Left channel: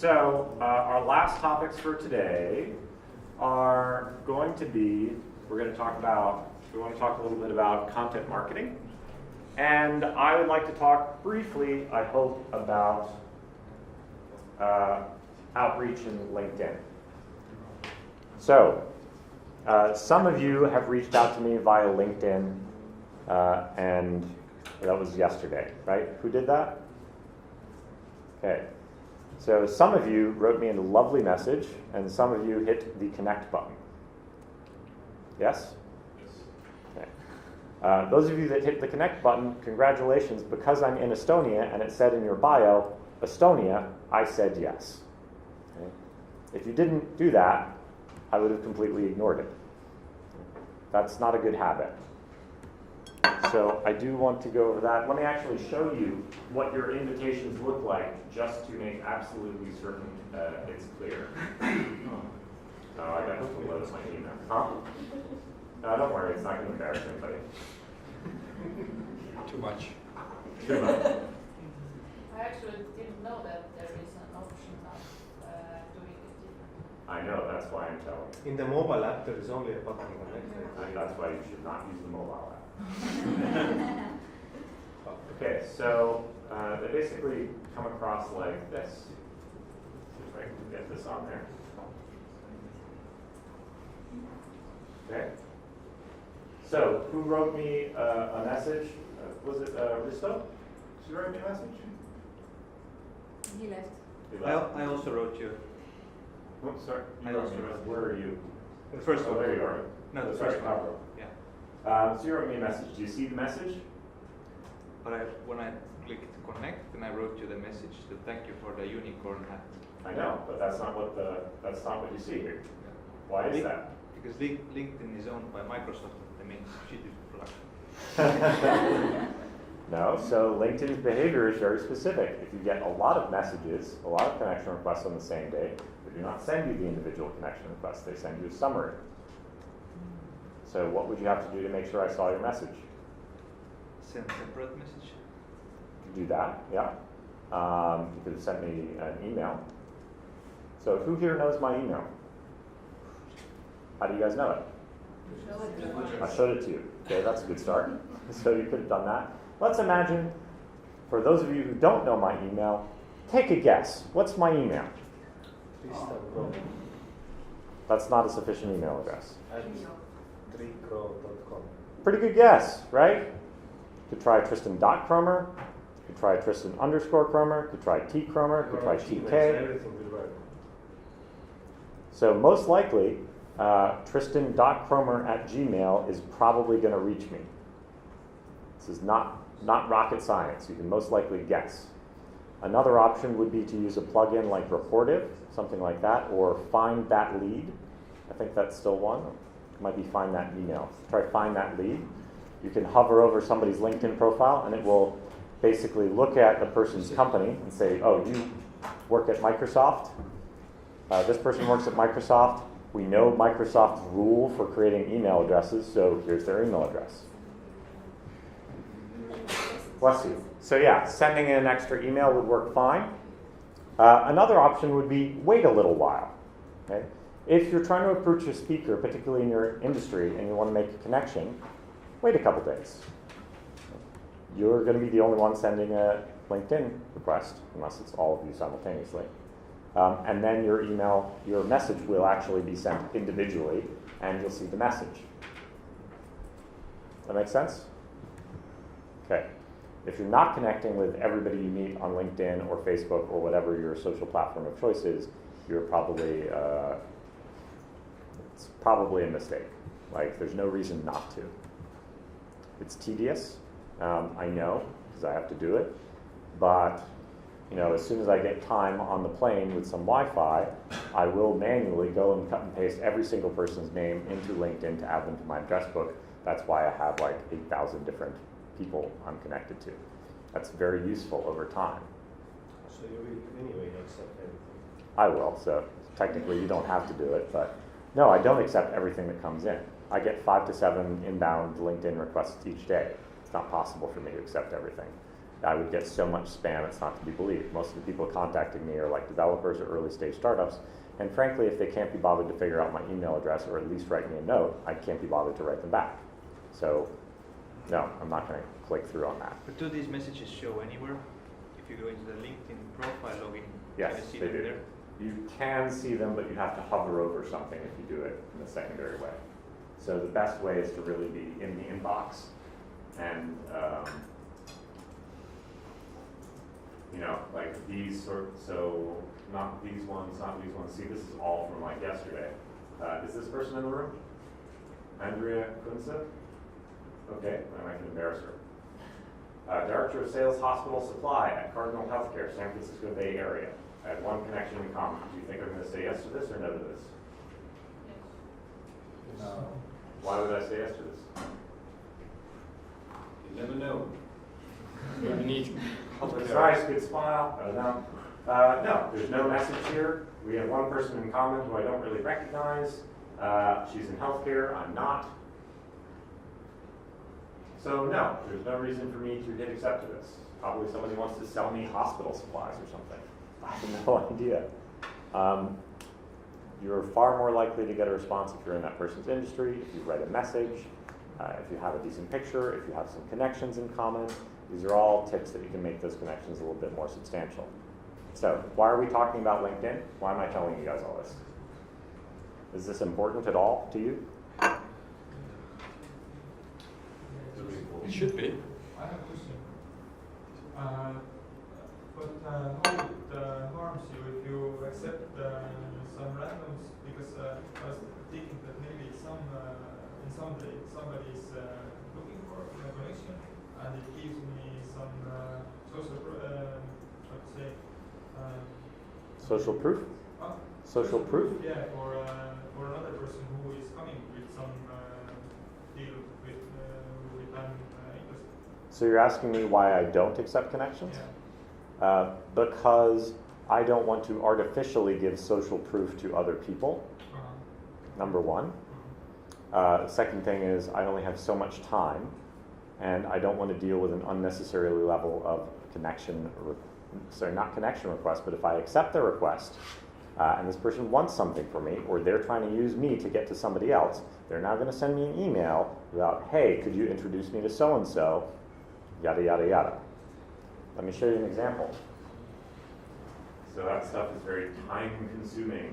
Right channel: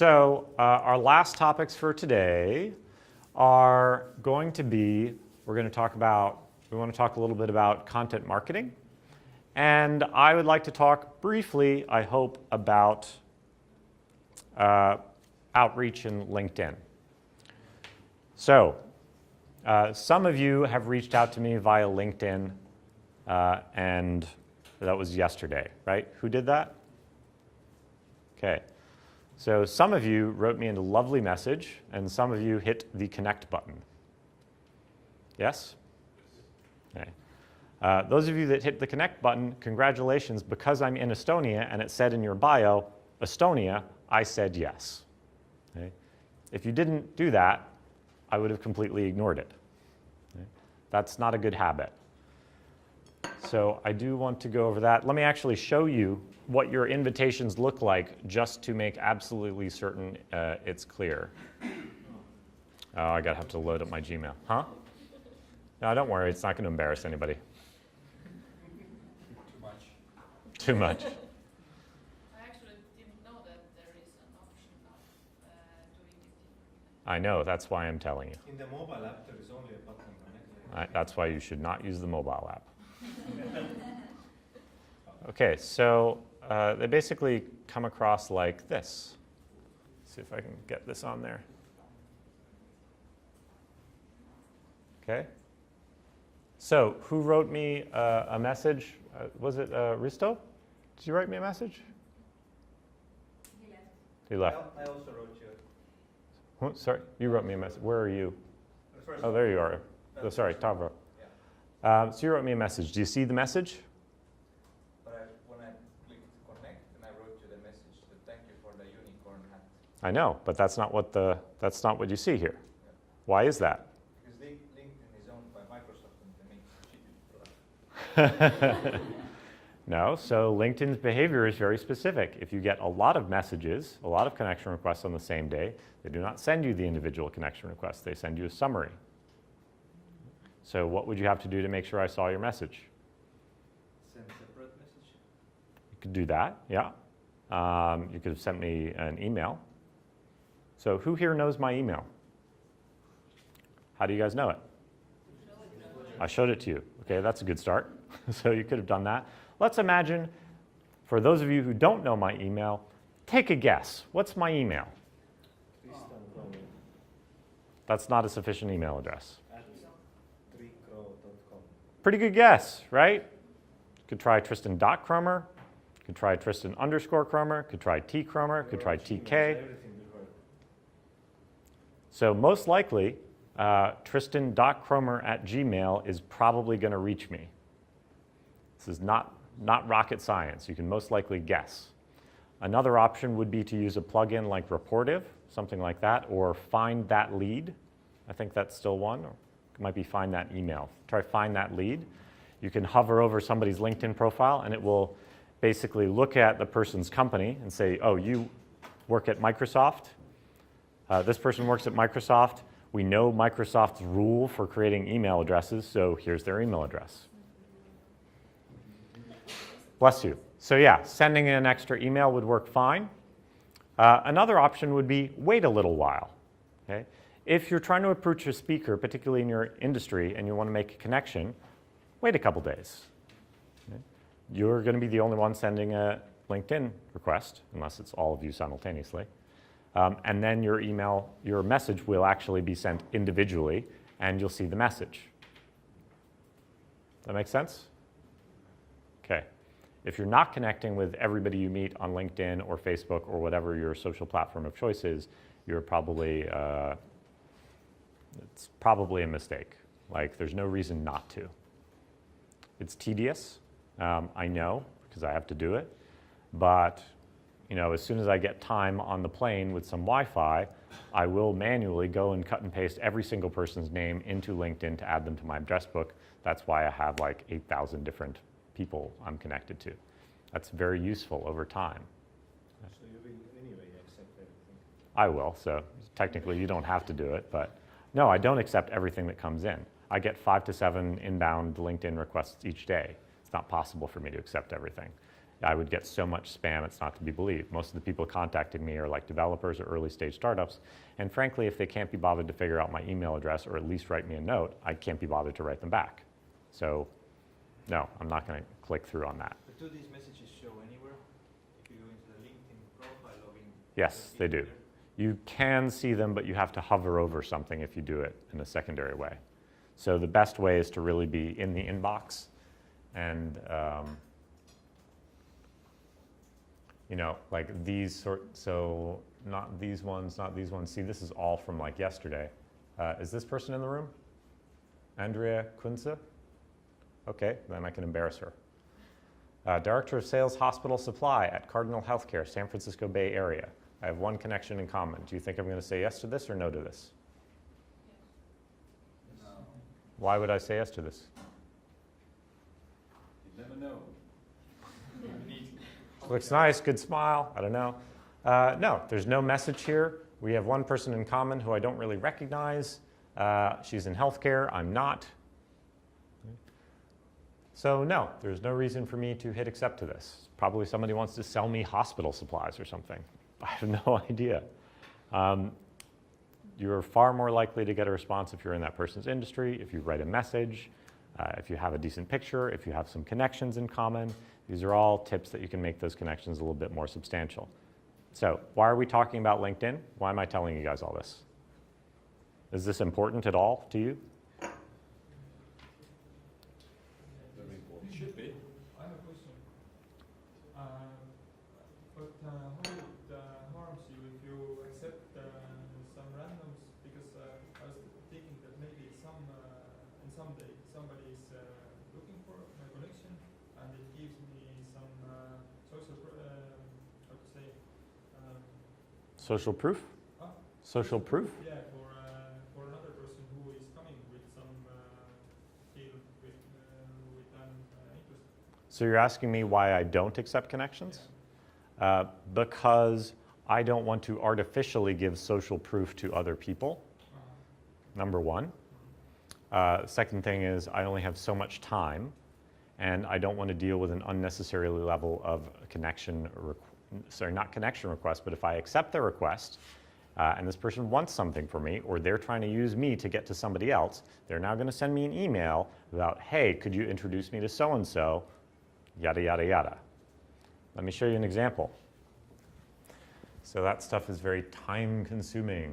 So our last topics for today are going to be, we want to talk a little bit about content marketing. And I would like to talk briefly, I hope, about outreach in LinkedIn. So some of you have reached out to me via LinkedIn, and that was yesterday, right? Who did that? Okay. So some of you wrote me a lovely message, and some of you hit the connect button. Yes? Okay. Those of you that hit the connect button, congratulations, because I'm in Estonia and it said in your bio, Estonia, I said yes. Okay. If you didn't do that, I would have completely ignored it. Okay. That's not a good habit. So I do want to go over that. Let me actually show you what your invitations look like just to make absolutely certain it's clear. Oh, I gotta have to load up my Gmail. Huh? No, don't worry, it's not gonna embarrass anybody. Too much. Too much. I actually didn't know that there is an option of doing it. I know, that's why I'm telling you. In the mobile app, there is only a button connect. That's why you should not use the mobile app. Okay, so they basically come across like this. Let's see if I can get this on there. Okay. So who wrote me a message? Was it Risto? Did you write me a message? He left. You left. I also wrote you. What? Sorry, you wrote me a message. Where are you? The first one. There you are. No, oh, the sorry, first one. Tower. Yeah. So you wrote me a message. Do you see the message? But when I clicked connect, then I wrote you the message to thank you for the unicorn hat. I know, but that's not what you see here. Yeah. Why is that? Because LinkedIn is owned by Microsoft, and that means cheated production. No, so LinkedIn's behavior is very specific. If you get a lot of messages, a lot of connection requests on the same day, they do not send you the individual connection requests, they send you a summary. So what would you have to do to make sure I saw your message? Send separate message. You could do that, yeah. You could have sent me an email. So who here knows my email? How do you guys know it? I showed it to you. Okay, that's a good start. So you could have done that. Let's imagine, for those of you who don't know my email, take a guess. What's my email? Tristan Kromer. That's not a sufficient email address. @3cro.com. Pretty good guess, right? You could try Tristan.Kromer, you could try Tristan_Kromer, you could try T.Kromer, you could try TK. Everything will work. So most likely, Tristan.Kromer@gmail is probably going to reach me. This is not rocket science. You can most likely guess. Another option would be to use a plugin like Rapportive, something like that, or Find That Lead. I think that's still one. It might be Find That Email. Try Find That Lead. You can hover over somebody's LinkedIn profile, and it will basically look at the person's company and say, oh, you work at Microsoft. This person works at Microsoft. We know Microsoft's rule for creating email addresses, so here's their email address. Bless you. So yeah, sending in an extra email would work fine. Another option would be wait a little while. Okay? If you're trying to approach a speaker, particularly in your industry, and you want to make a connection, wait a couple days. Okay? You're going to be the only one sending a LinkedIn request, unless it's all of you simultaneously. And then your message will actually be sent individually, and you'll see the message. That make sense? Okay. If you're not connecting with everybody you meet on LinkedIn or Facebook or whatever your social platform of choice is, you're probably, it's probably a mistake. Like, there's no reason not to. It's tedious, I know, because I have to do it, but as soon as I get time on the plane with some Wi-Fi, I will manually go and cut and paste every single person's name into LinkedIn to add them to my address book. That's why I have like 8,000 different people I'm connected to. That's very useful over time. So you will anyway accept everything? I will, so technically you don't have to do it, but no, I don't accept everything that comes in. I get 5 to 7 inbound LinkedIn requests each day. It's not possible for me to accept everything. I would get so much spam, it's not to be believed. Most of the people contacting me are like developers or early stage startups. And frankly, if they can't be bothered to figure out my email address or at least write me a note, I can't be bothered to write them back. So no, I'm not going to click through on that. But do these messages show anywhere? If you go into the LinkedIn profile login, Yes, can you see they them do. there? You can see them, but you have to hover over something if you do it in a secondary way. So the best way is to really be in the inbox and, you know, like these so not these ones, not these ones. See, this is all from like yesterday. Is this person in the room? Andrea Kunze? Okay, then I can embarrass her. Director of Sales Hospital Supply at Cardinal Healthcare, San Francisco Bay Area. I have one connection in common. Do you think I'm going to say yes to this or no to this? No. Why would I say yes to this? You never know. You need. Looks nice, good smile, I don't know. No, there's no message here. We have one person in common who I don't really recognize. She's in healthcare, I'm not. So no, there's no reason for me to hit accept to this. Probably somebody wants to sell me hospital supplies or something. I have no idea. You're far more likely to get a response if you're in that person's industry, if you write a message, if you have a decent picture, if you have some connections in common. These are all tips that you can make those connections a little bit more substantial. So why are we talking about LinkedIn? Why am I telling you guys all this? Is this important at all to you? It should be. I have a question. But how it harms you if you accept some randoms? Because I was thinking that maybe in some day somebody is looking for a connection, and it gives me some Social proof? Social proof? Yeah, for another person who is coming with some deal with I'm interested. So you're asking me why I don't accept connections? Yeah. Because I don't want to artificially give social proof to other people, number one. Second thing is I only have so much time, and I don't want to deal with an unnecessary level of not connection request, but if I accept the request and this person wants something from me, or they're trying to use me to get to somebody else, they're now going to send me an email about, hey, could you introduce me to so-and-so, yada, yada, yada. Let me show you an example. So that stuff is very time consuming.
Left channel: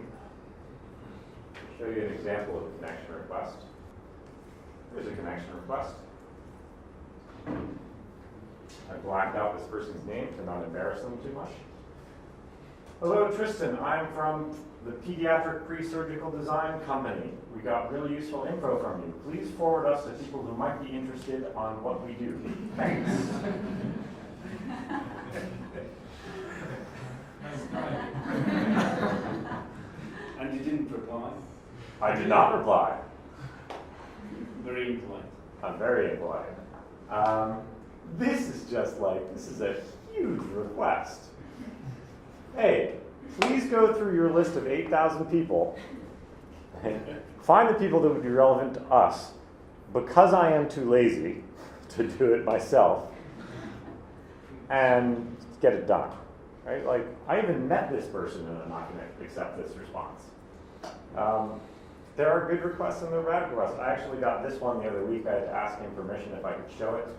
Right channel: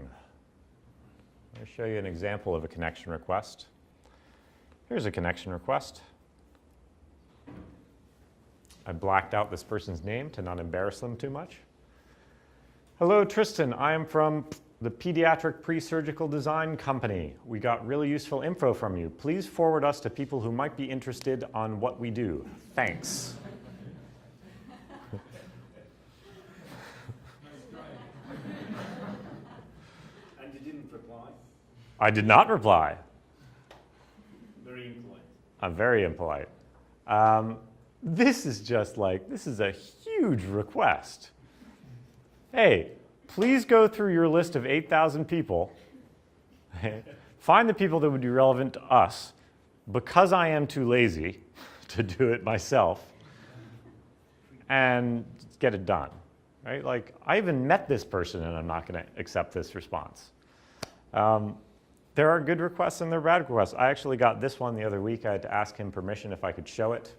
I'll show you an example of a connection request. Here's a connection request. I blacked out this person's name to not embarrass them too much. Hello, Tristan. I am from the Pediatric Pre-Surgical Design Company. We got really useful info from you. Please forward us to people who might be interested on what we do. Thanks. And you didn't reply? I did not reply. Very impolite. I'm very impolite. This is a huge request. Hey, please go through your list of 8,000 people and find the people that would be relevant to us. Because I am too lazy to do it myself, and get it done, right? Like, I even met this person and I'm not gonna accept this response. There are good requests and there are bad requests. I actually got this one the other week. I had to ask him permission if I could show it.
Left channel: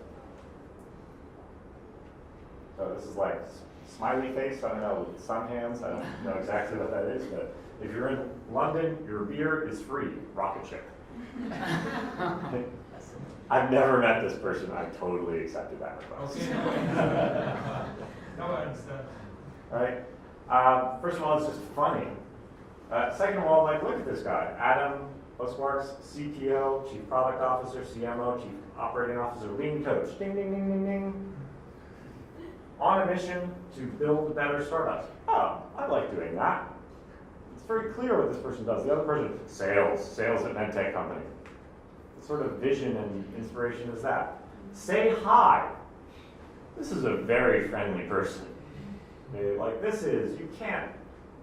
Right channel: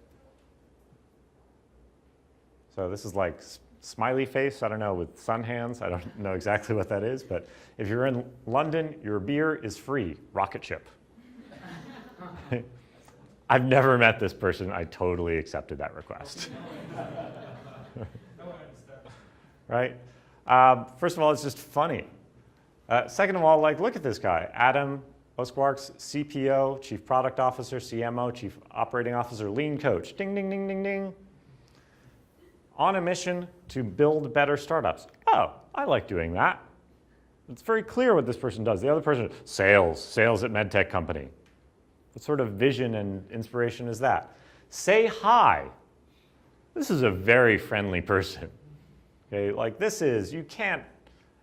So this is like smiley face, I don't know, with sun hands. I don't know exactly what that is, but if you're in London, your beer is free, rocket ship. I've never met this person. I totally accepted that request. Now I understand. Right? First of all, it's just funny. Second of all, like, look at this guy. Adam Oskwarks, CPO, Chief Product Officer, CMO, Chief Operating Officer, Lean Coach. Ding, ding, ding, ding, ding. On a mission to build better startups. Oh, I like doing that. It's very clear what this person does. The other person, sales at medtech company. What sort of vision and inspiration is that? Say hi. This is a very friendly person. Okay, like this is, you can't,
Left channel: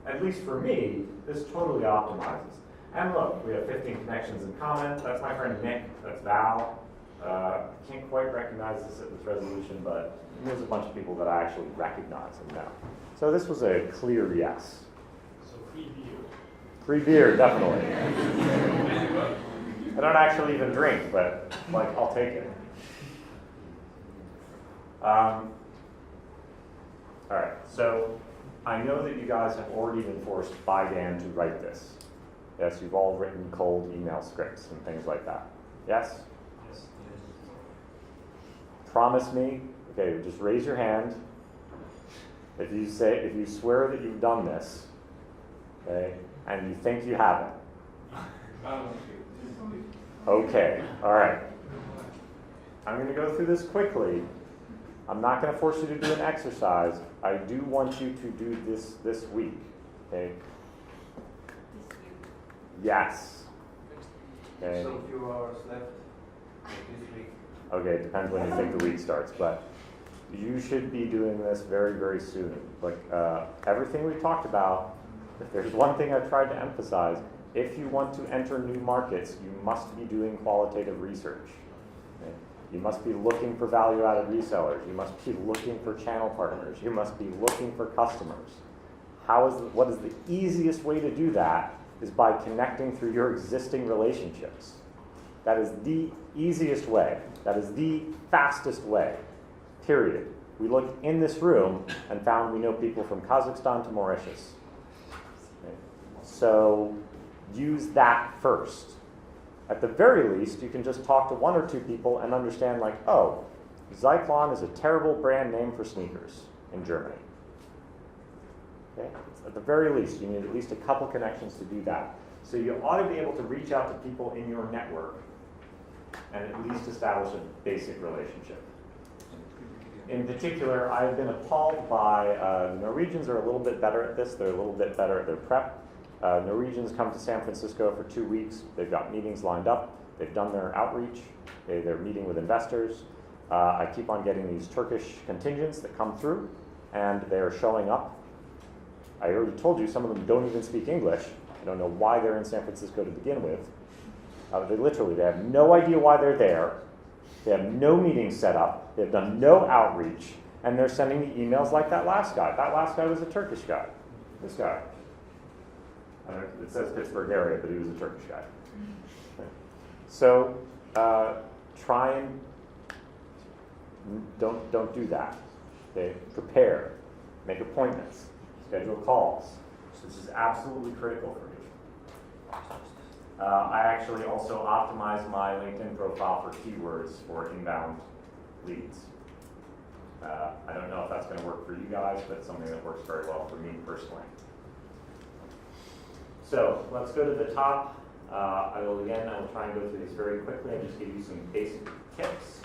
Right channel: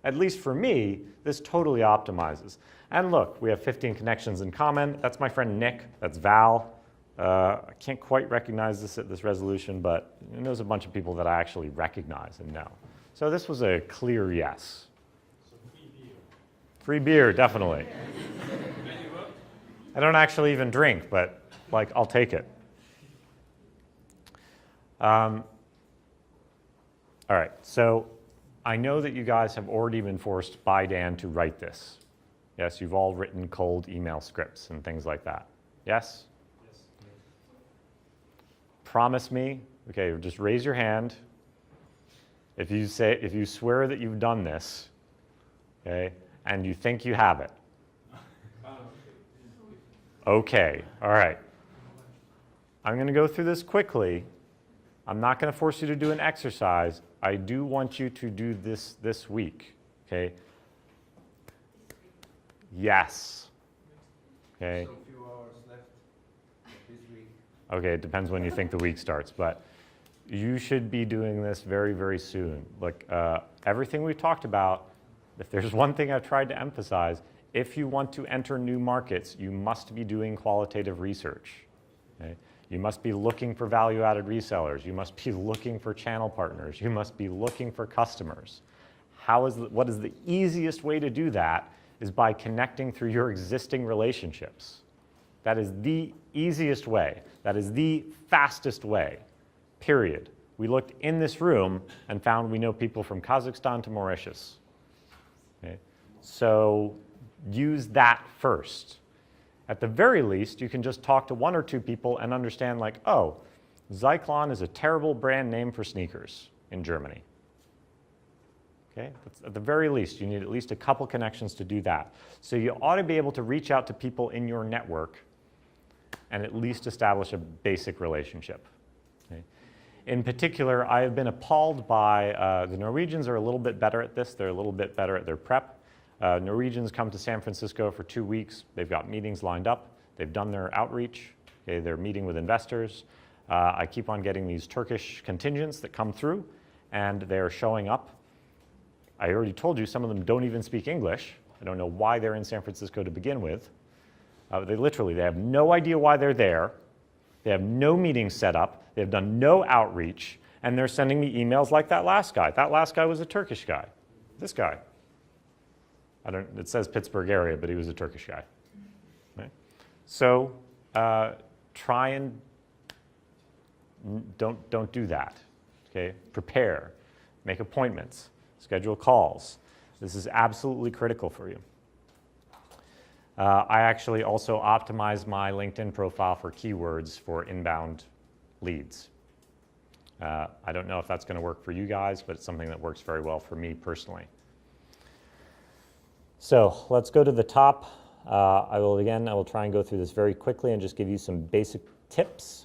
at least for me, this totally optimizes. And look, we have 15 connections in common. That's my friend Nick, that's Val. I can't quite recognize this resolution, but there's a bunch of people that I actually recognize and know. So this was a clear yes. So free beer. Free beer, definitely. I don't actually even drink, but like I'll take it. All right, so I know that you guys have already been forced by Dan to write this. Yes, you've all written cold email scripts and things like that. Yes? Yes. Promise me, okay, just raise your hand if you swear that you've done this, okay, and you think you haven't. Okay, all right. I'm going to go through this quickly. I'm not going to force you to do an exercise. I do want you to do this week, okay? Yes. Okay. So a few hours left this week. Okay, it depends when you think the week starts, but you should be doing this very, very soon. Like everything we talked about, if there's one thing I tried to emphasize, if you want to enter new markets, you must be doing qualitative research. Okay? You must be looking for value-added resellers. You must be looking for channel partners. You must be looking for customers. What is the easiest way to do that is by connecting through your existing relationships. That is the easiest way. That is the fastest way, period. We looked in this room and found we know people from Kazakhstan to Mauritius. Okay? So use that first. At the very least, you can just talk to one or two people and understand like, oh, Zyklon is a terrible brand name for sneakers in Germany. Okay? At the very least, you need at least a couple connections to do that. So you ought to be able to reach out to people in your network and at least establish a basic relationship. Okay? In particular, I've been appalled by the Norwegians are a little bit better at this. They're a little bit better at their prep. Norwegians come to San Francisco for 2 weeks. They've got meetings lined up. They've done their outreach. Okay? They're meeting with investors. I keep on getting these Turkish contingents that come through, and they're showing up. I already told you some of them don't even speak English. I don't know why they're in San Francisco to begin with. They have no idea why they're there. They have no meetings set up. They have done no outreach, and they're sending me emails like that last guy. That last guy was a Turkish guy. This guy. It says Pittsburgh area, but he was a Turkish guy. Okay. So try and don't do that. Okay? Prepare, make appointments, schedule calls. This is absolutely critical for you. I actually also optimize my LinkedIn profile for keywords for inbound leads. I don't know if that's going to work for you guys, but it's something that works very well for me personally. So let's go to the top. I will try and go through this very quickly and just give you some basic tips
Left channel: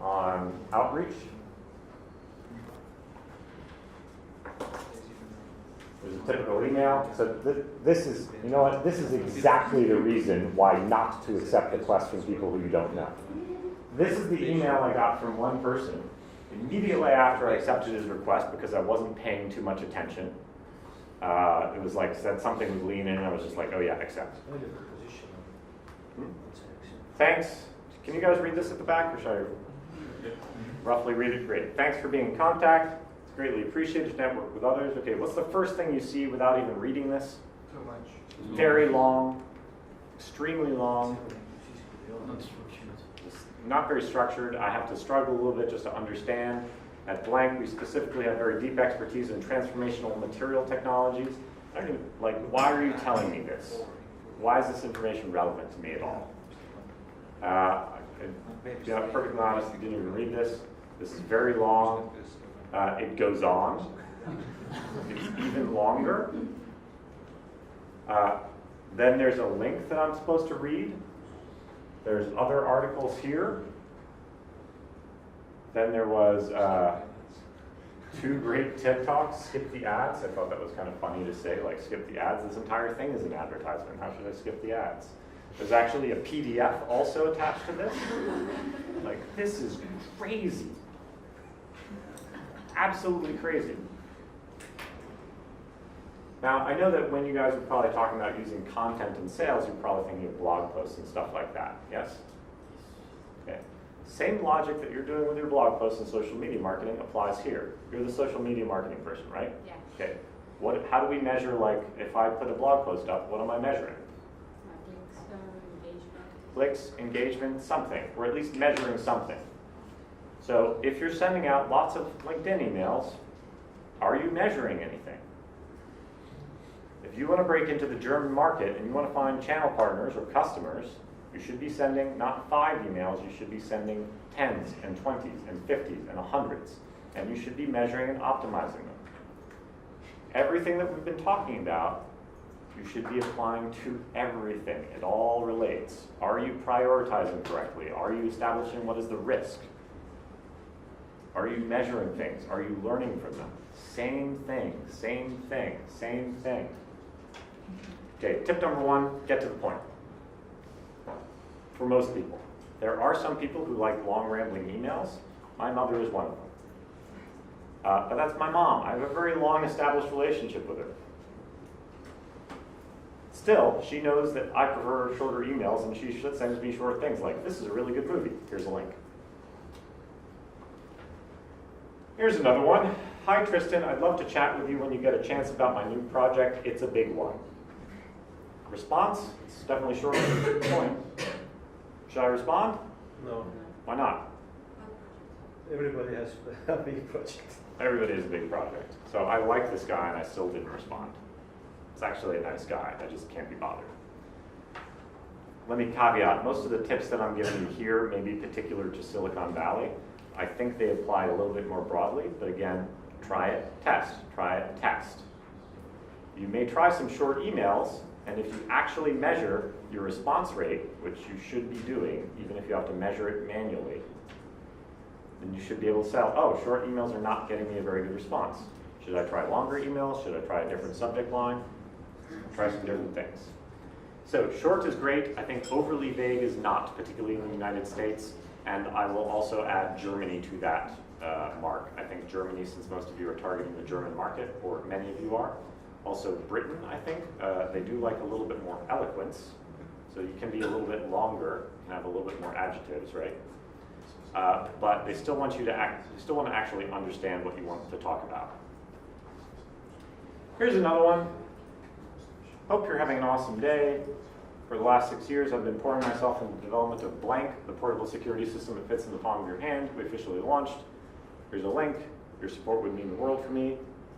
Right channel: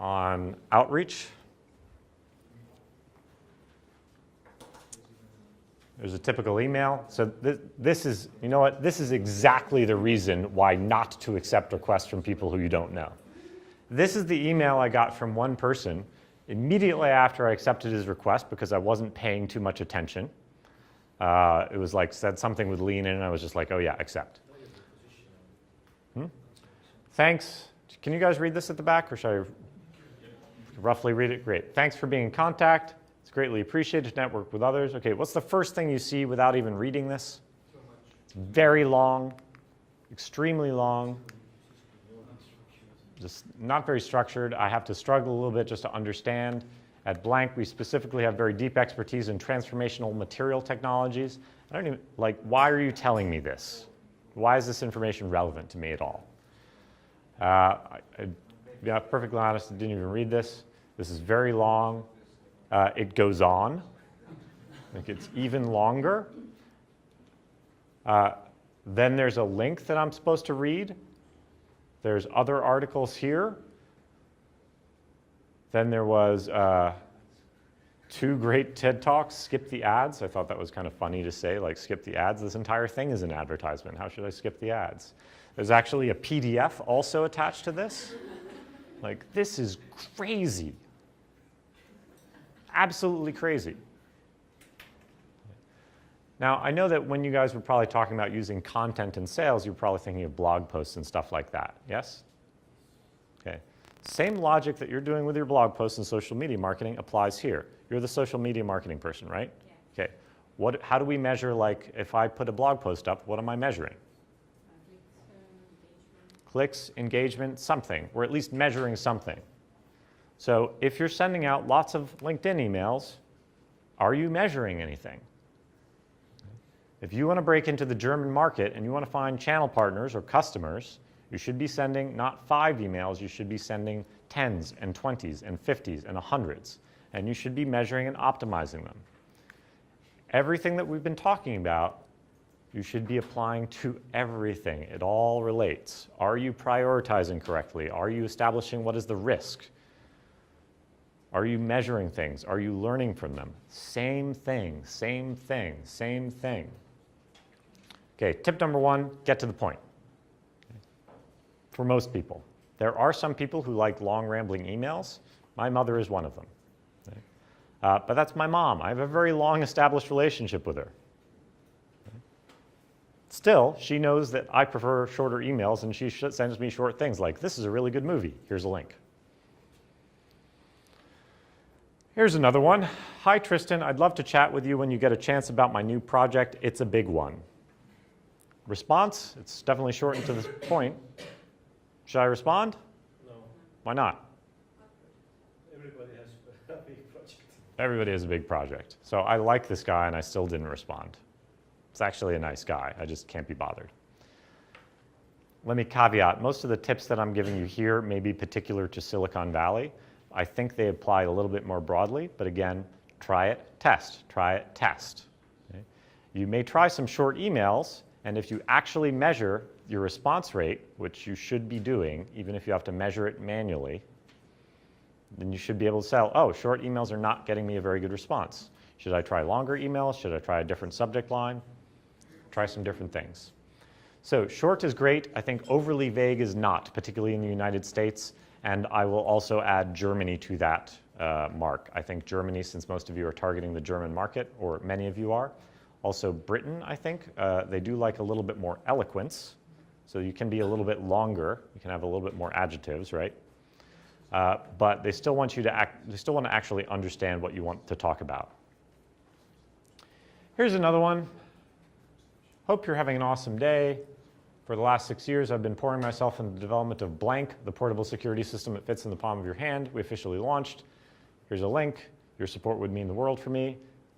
on outreach. There's a typical email. So this is, you know what, this is exactly the reason why not to accept requests from people who you don't know. This is the email I got from one person immediately after I accepted his request because I wasn't paying too much attention. It was like said something with lean in, and I was just like, oh yeah, accept. Thanks. Can you guys read this at the back, or should I roughly read it? Great. Thanks for being in contact. It's greatly appreciated to network with others. Okay, what's the first thing you see without even reading this? Too much. Very long, extremely long. Just not very structured. I have to struggle a little bit just to understand. At Blank, we specifically have very deep expertise in transformational material technologies. I don't even, like, why are you telling me this? Why is this information relevant to me at all? I got perfectly honest, I didn't even read this. This is very long. It goes on. It's even longer. Then there's a link that I'm supposed to read. There's other articles here. Then there was 2 great TED Talks, skip the ads. I thought that was kind of funny to say, like, skip the ads. This entire thing is an advertisement. How should I skip the ads? There's actually a PDF also attached to this. Like, this is crazy. Absolutely crazy. Now, I know that when you guys were probably talking about using content in sales, you're probably thinking of blog posts and stuff like that, yes? Okay. Same logic that you're doing with your blog posts and social media marketing applies here. You're the social media marketing person, right? Yeah. Okay. How do we measure, like, if I put a blog post up, what am I measuring? Clicks, engagement, something. We're at least measuring something. So if you're sending out lots of LinkedIn emails, are you measuring anything? If you want to break into the German market and you want to find channel partners or customers, you should be sending not 5 emails, you should be sending 10s and 20s and 50s and 100s. And you should be measuring and optimizing them. Everything that we've been talking about, you should be applying to everything. It all relates. Are you prioritizing correctly? Are you establishing what is the risk? Are you measuring things? Are you learning from them? Same thing, same thing, same thing. Okay, tip number 1, get to the point. For most people. There are some people who like long rambling emails. My mother is one of them. But that's my mom. I have a very long established relationship with her. Still, she knows that I prefer shorter emails, and she sends me short things like, this is a really good movie. Here's a link. Here's another one. Hi, Tristan. I'd love to chat with you when you get a chance about my new project. It's a big one. Response? It's definitely short to the point. Should I respond? No, Why not? everybody has a big project. Everybody has a big project. So I like this guy, and I still didn't respond. It's actually a nice guy. I just can't be bothered. Let me caveat, most of the tips that I'm giving you here may be particular to Silicon Valley. I think they apply a little bit more broadly, but again, try it, test. Try it, test. You may try some short emails, and if you actually measure your response rate, which you should be doing, even if you have to measure it manually, then you should be able to say, oh, short emails are not getting me a very good response. Should I try longer emails? Should I try a different subject line? Try some different things. So short is great. I think overly vague is not, particularly in the United States. And I will also add Germany to that mark. I think Germany, since most of you are targeting the German market, or many of you are. Also Britain, I think, they do like a little bit more eloquence. So you can be a little bit longer. You can have a little bit more adjectives, right? But they still want you to they still want to actually understand what you want to talk about. Here's another one. Hope you're having an awesome day. For the last 6 years, I've been pouring myself into the development of Blank, the portable security system that fits in the palm of your hand. We officially launched. Here's a link. Your support would mean the world for me.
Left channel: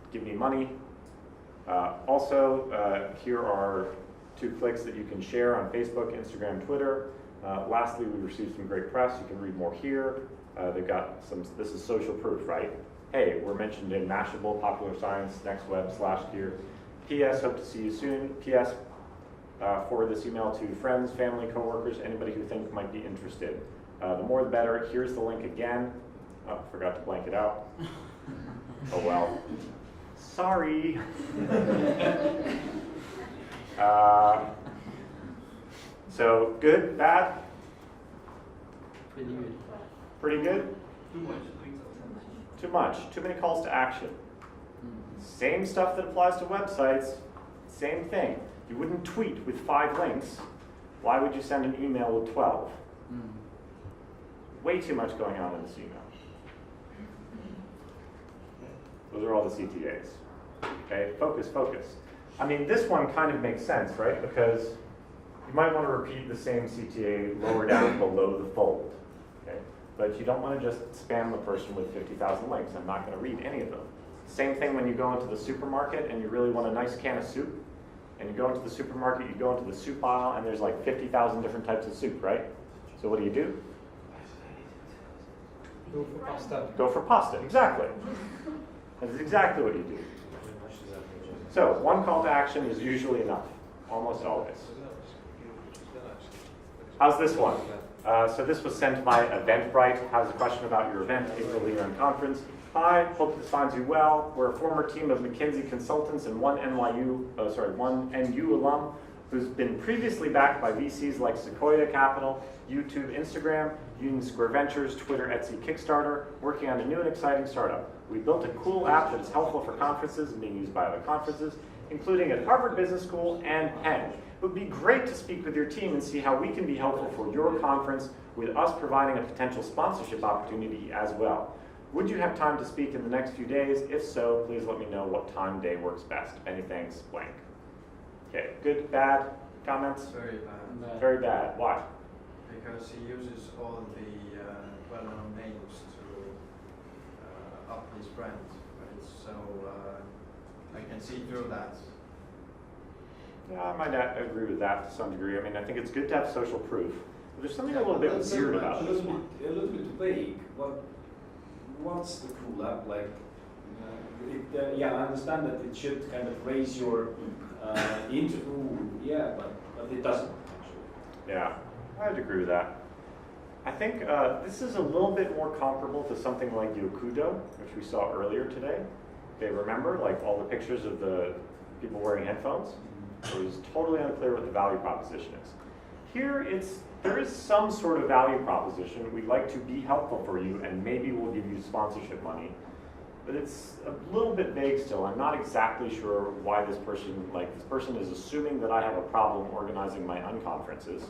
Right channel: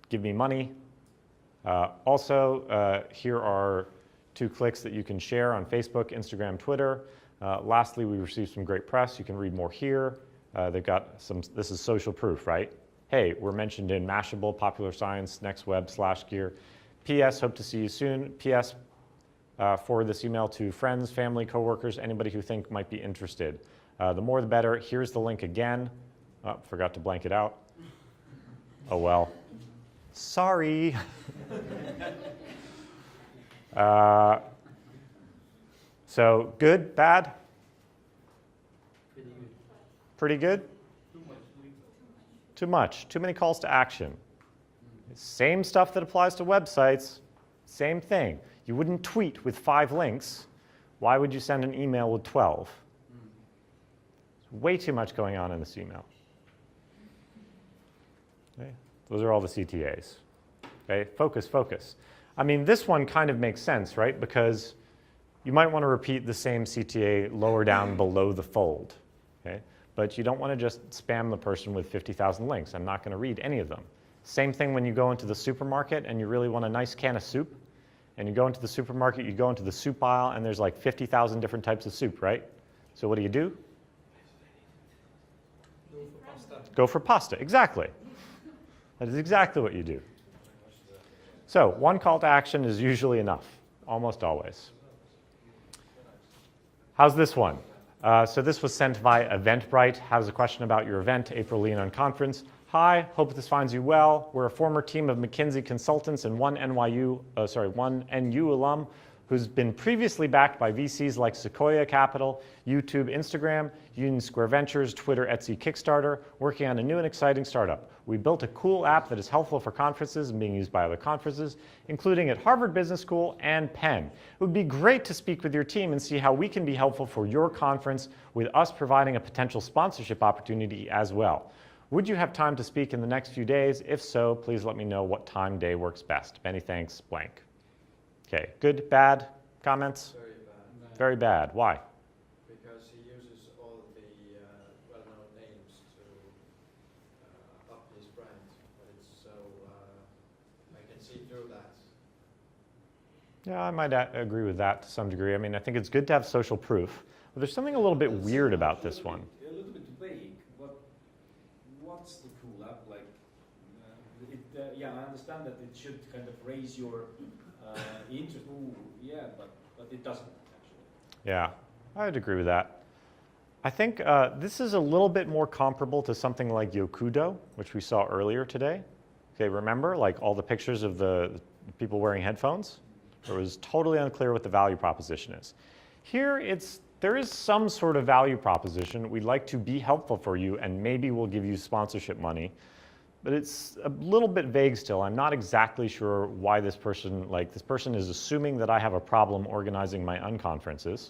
Give me money. Here are 2 clicks that you can share on Facebook, Instagram, Twitter. Lastly, we received some great press. You can read more here. They've got some, this is social proof, right? Hey, we're mentioned in Mashable, Popular Science, NextWeb/Gear. P.S. Hope to see you soon. P.S. Forward this email to friends, family, coworkers, anybody who think might be interested. The more the better. Here's the link again. Oh, forgot to blank it out. Oh well. Sorry. So good, bad? Pretty good. Pretty good? Too much. Too much. Too many calls to action. Same stuff that applies to websites. Same thing. You wouldn't tweet with 5 links. Why would you send an email with 12? Way too much going on in this email. Okay. Those are all the CTAs. Okay, focus, focus. I mean, this one kind of makes sense, right? Because you might want to repeat the same CTA lower down below the fold. Okay? But you don't want to just spam the person with 50,000 links. I'm not going to read any of them. Same thing when you go into the supermarket and you really want a nice can of soup. And you go into the supermarket, you go into the soup aisle, and there's like 50,000 different types of soup, right? So what do? Go for pasta. Go for pasta, exactly. That is exactly what you do. So 1 call to action is usually enough, almost always. How's this one? So this was sent by Eventbrite. Has a question about your event, April Lean Conference. Hi, hope this finds you well. We're a former team of McKinsey consultants and one NU alum who's been previously backed by VCs like Sequoia Capital, YouTube, Instagram, Union Square Ventures, Twitter, Etsy, Kickstarter, working on a new and exciting startup. We built a cool app that is helpful for conferences and being used by other conferences, including at Harvard Business School and Penn. It would be great to speak with your team and see how we can be helpful for your conference with us providing a potential sponsorship opportunity as well. Would you have time to speak in the next few days? If so, please let me know what time day works best. Many thanks, blank. Okay, good, bad comments? Very bad, Very bad. Why? because he uses all the well-known names to up his brand, right? So I can see through that. Yeah, I might agree with that to some degree. I mean, I think it's good to have social proof. But there's something a little bit That's weird about this one. A little bit vague. What's the cool app like? Yeah, I understand that it should kind of raise your yeah, but it doesn't actually. Yeah, I'd agree with that. I think this is a little bit more comparable to something like Yokudo, which we saw earlier today. Okay, remember, like all the pictures of the people wearing headphones? It was totally unclear what the value proposition is. Here, there is some sort of value proposition. We'd like to be helpful for you, and maybe we'll give you sponsorship money. But it's a little bit vague still. I'm not exactly sure why this person is assuming that I have a problem organizing my unconferences,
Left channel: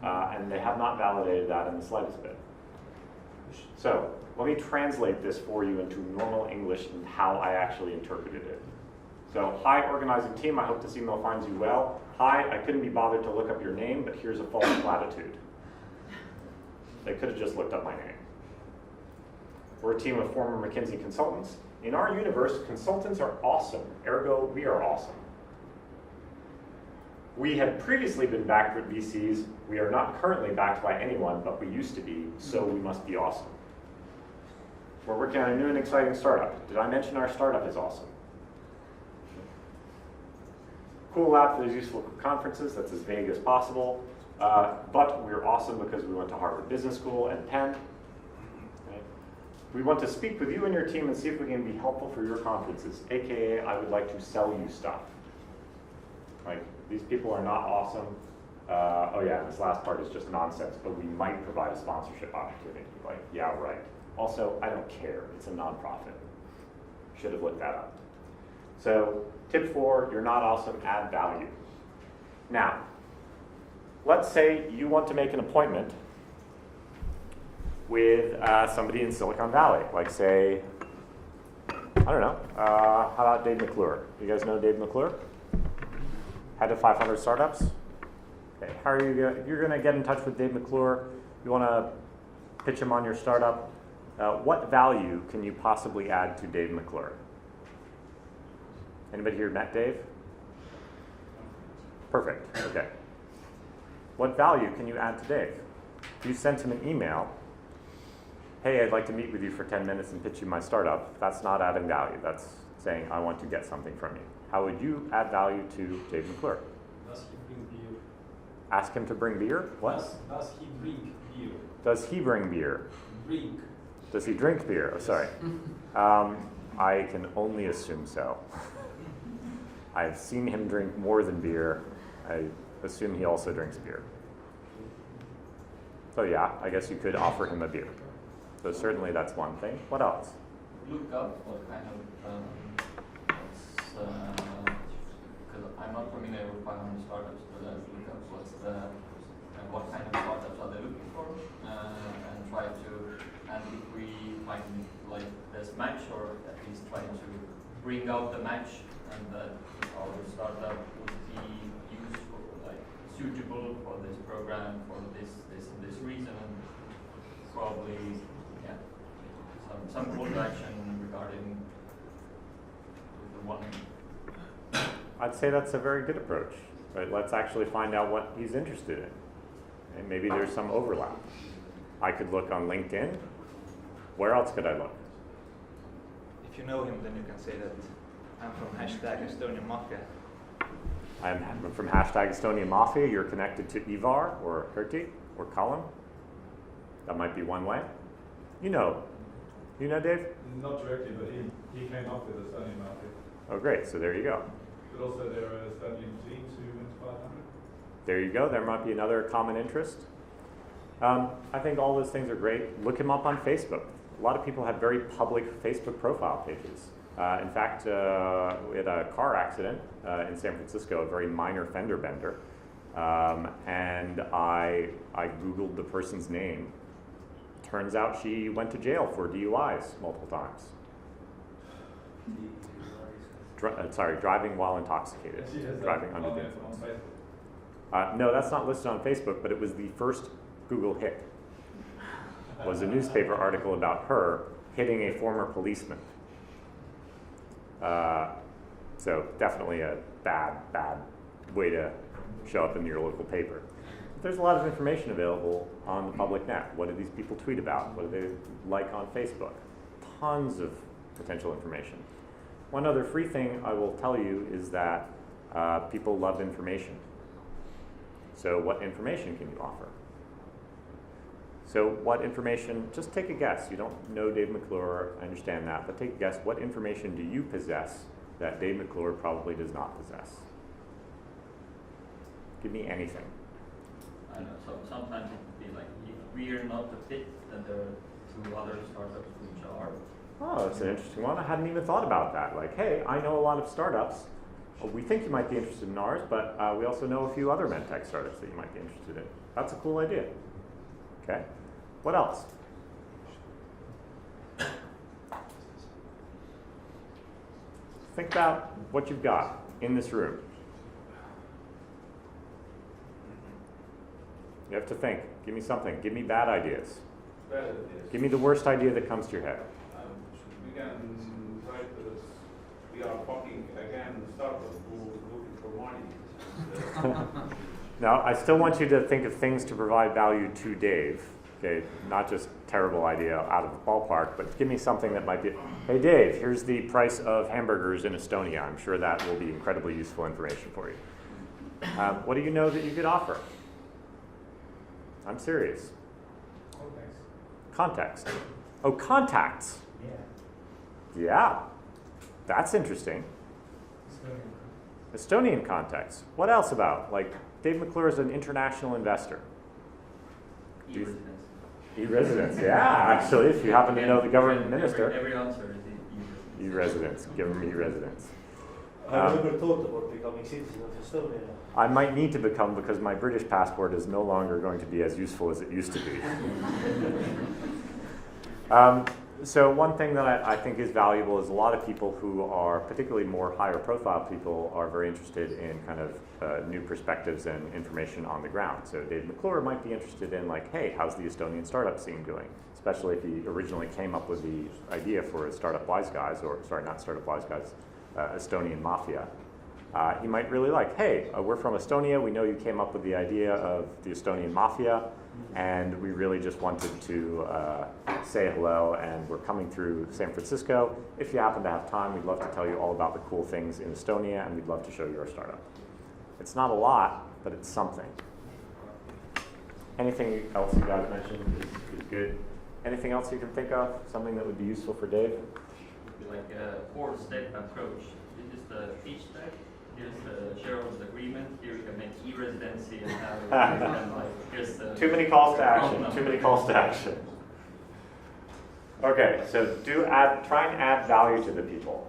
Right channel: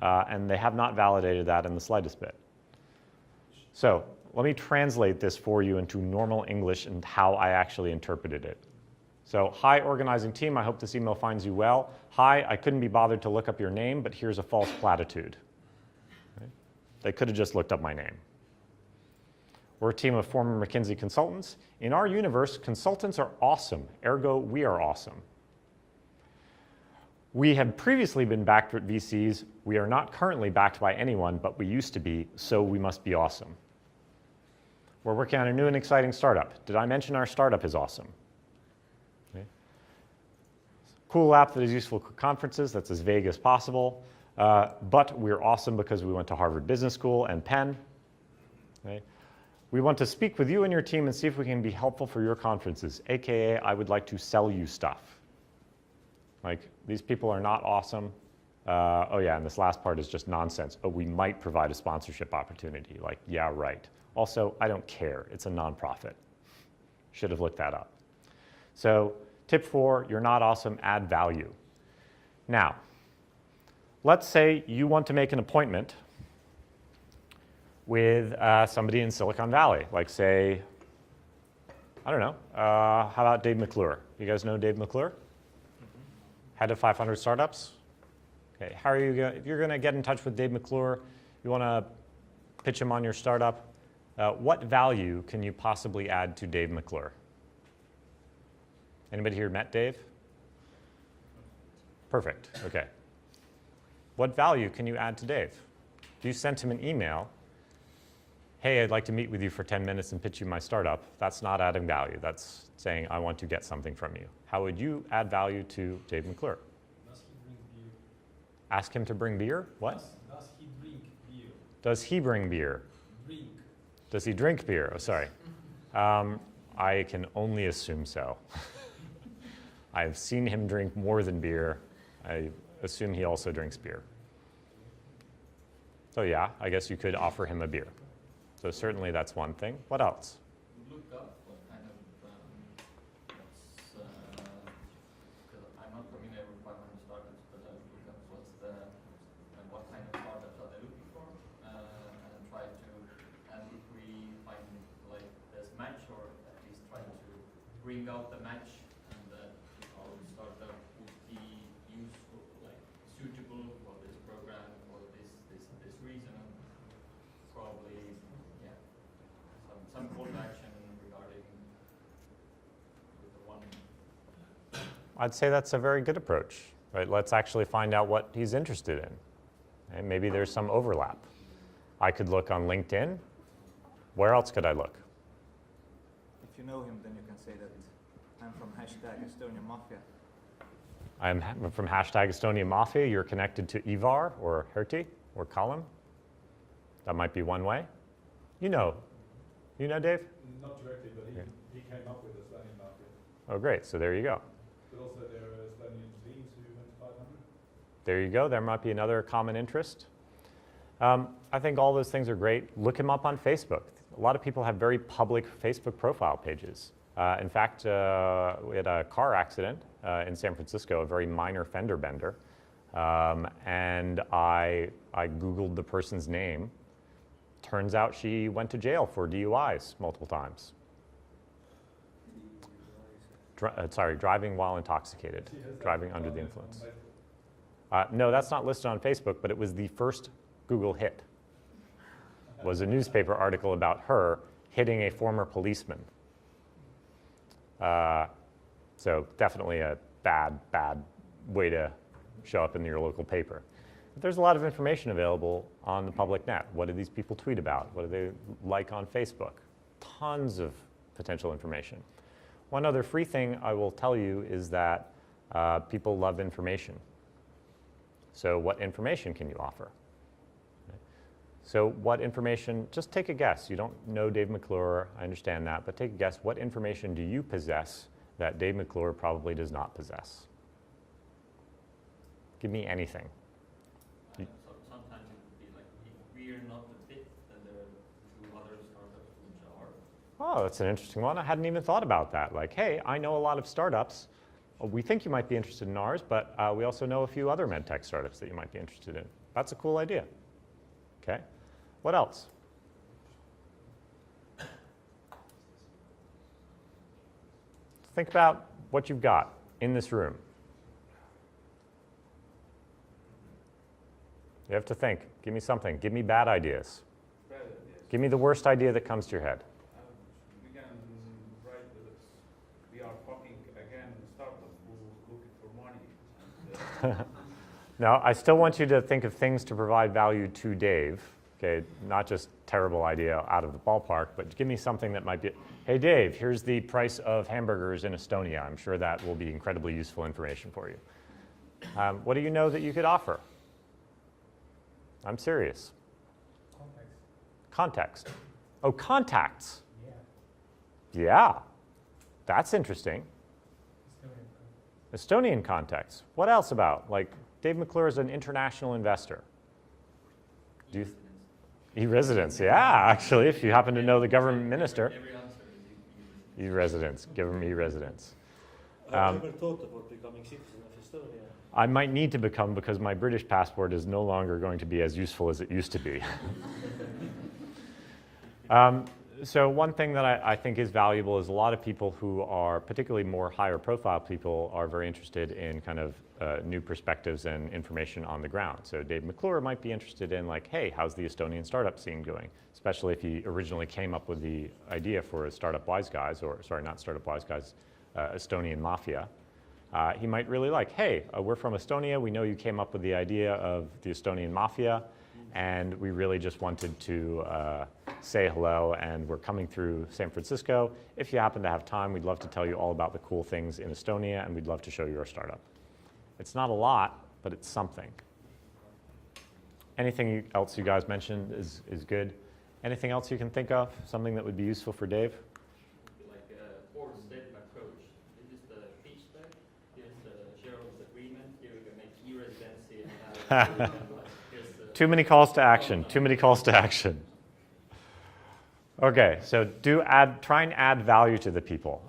and they have not validated that in the slightest bit. So let me translate this for you into normal English and how I actually interpreted it. So, hi organizing team, I hope this email finds you well. Hi, I couldn't be bothered to look up your name, but here's a false platitude. They could have just looked up my name. We're a team of former McKinsey consultants. In our universe, consultants are awesome, ergo we are awesome. We had previously been backed with VCs. We are not currently backed by anyone, but we used to be, so we must be awesome. We're working on a new and exciting startup. Did I mention our startup is awesome? Cool app that is useful for conferences, that's as vague as possible. But we're awesome because we went to Harvard Business School and Penn. Okay. We want to speak with you and your team and see if we can be helpful for your conferences, AKA I would like to sell you stuff. Like, these people are not awesome. Oh yeah, and this last part is just nonsense, but we might provide a sponsorship opportunity. Like, yeah, right. Also, I don't care, it's a nonprofit. Should have looked that up. So, tip 4, you're not awesome, add value. Now, let's say you want to make an appointment with somebody in Silicon Valley, like say, I don't know, how about Dave McClure? You guys know Dave McClure? Head of 500 startups? Okay, how are you if you're gonna get in touch with Dave McClure, you wanna pitch him on your startup, what value can you possibly add to Dave McClure? Anybody here met Dave? Perfect, okay. What value can you add to Dave? If you sent him an email, hey, I'd like to meet with you for 10 minutes and pitch you my startup, that's not adding value. That's saying, I want to get something from you. How would you add value to Dave McClure? Does he bring beer? Ask him to bring beer? What? Does he drink beer? Does he bring beer? Drink. Does he drink beer? Oh, sorry. I can only assume so. I've seen him drink more than beer. I assume he also drinks beer. So yeah, I guess you could offer him a beer. So certainly that's one thing. What else? Look up what kind of, because I'm not familiar with 500 startups, but look up what kind of startups are they looking for, and try to, and if we find like this match, or at least try to bring out the match, and that our startup would be useful, like suitable for this program, for this reason, and probably, yeah, some call to action regarding the one. I'd say that's a very good approach. Right? Let's actually find out what he's interested in. And maybe there's some overlap. I could look on LinkedIn. Where else could I look? If you know him, then you can say that I'm from #Estonia Mafia. I'm from #Estonia Mafia. You're connected to Ivar or Herti or Colin. That might be one way. You know Dave? Not directly, but he came up with Estonia Mafia. Oh, great. So there you go. But also there are Estonian teams who went 500. There you go. There might be another common interest. I think all those things are great. Look him up on Facebook. A lot of people have very public Facebook profile pages. In fact, we had a car accident in San Francisco, a very minor fender bender, and I Googled the person's name. Turns out she went to jail for DUIs multiple times. Driving while intoxicated, driving under the influence. No, that's not listed on Facebook, but it was the first Google hit. Was a newspaper article about her hitting a former policeman. So definitely a bad way to show up in your local paper. There's a lot of information available on the public net. What do these people tweet about? What do they like on Facebook? Tons of potential information. One other free thing I will tell you is that people love information. So what information can you offer? So what information, just take a guess. You don't know Dave McClure, I understand that, but take a guess. What information do you possess that Dave McClure probably does not possess? Give me anything. I know, so sometimes it can be like, if we are not a fit, then there are 2 other startups which are. Oh, that's an interesting one. I hadn't even thought about that. Like, hey, I know a lot of startups. We think you might be interested in ours, but we also know a few other medtech startups that you might be interested in. That's a cool idea. Okay. What else? Think about what you've got in this room. You have to think. Give me something. Give me bad ideas. Bad ideas. Give me the worst idea that comes to your head. We can write that we are fucking again startup who looking for money. Now, I still want you to think of things to provide value to Dave. Okay, not just terrible idea out of the ballpark, but give me something that might be, hey Dave, here's the price of hamburgers in Estonia. I'm sure that will be incredibly useful information for you. What do you know that you could offer? I'm serious. Context. Oh, contacts. Yeah. Yeah, that's interesting. Estonian context. What else about? Like, Dave McClure is an international investor. E-residence, yeah, actually, if you happen to know the government minister. Every answer is E-residence, give them e-residence. Have you ever thought about becoming citizen of Estonia? I might need to become because my British passport is no longer going to be as useful as it used to be. So one thing that I think is valuable is a lot of people who are, particularly more higher profile people, are very interested in kind of new perspectives and information on the ground. So Dave McClure might be interested in like, hey, how's the Estonian startup scene doing? Especially if he originally came up with the idea for Startup Wise Guys, or sorry, not Startup Wise Guys, Estonian Mafia. He might really like, hey, we're from Estonia, we know you came up with the idea of the Estonian Mafia, and we really just wanted to say hello, and we're coming through San Francisco. If you happen to have time, we'd love to tell you all about the cool things in Estonia, and we'd love to show you our startup. It's not a lot, but it's something. Anything else you guys mentioned is good. Anything else you can think of? Something that would be useful for Dave? like a 4-step approach. This is the pitch deck. Here's the shareholders agreement. Here you can make e-residency and have and like here's the Too many calls to action. Too many calls to action. Okay, so try and add value to the people.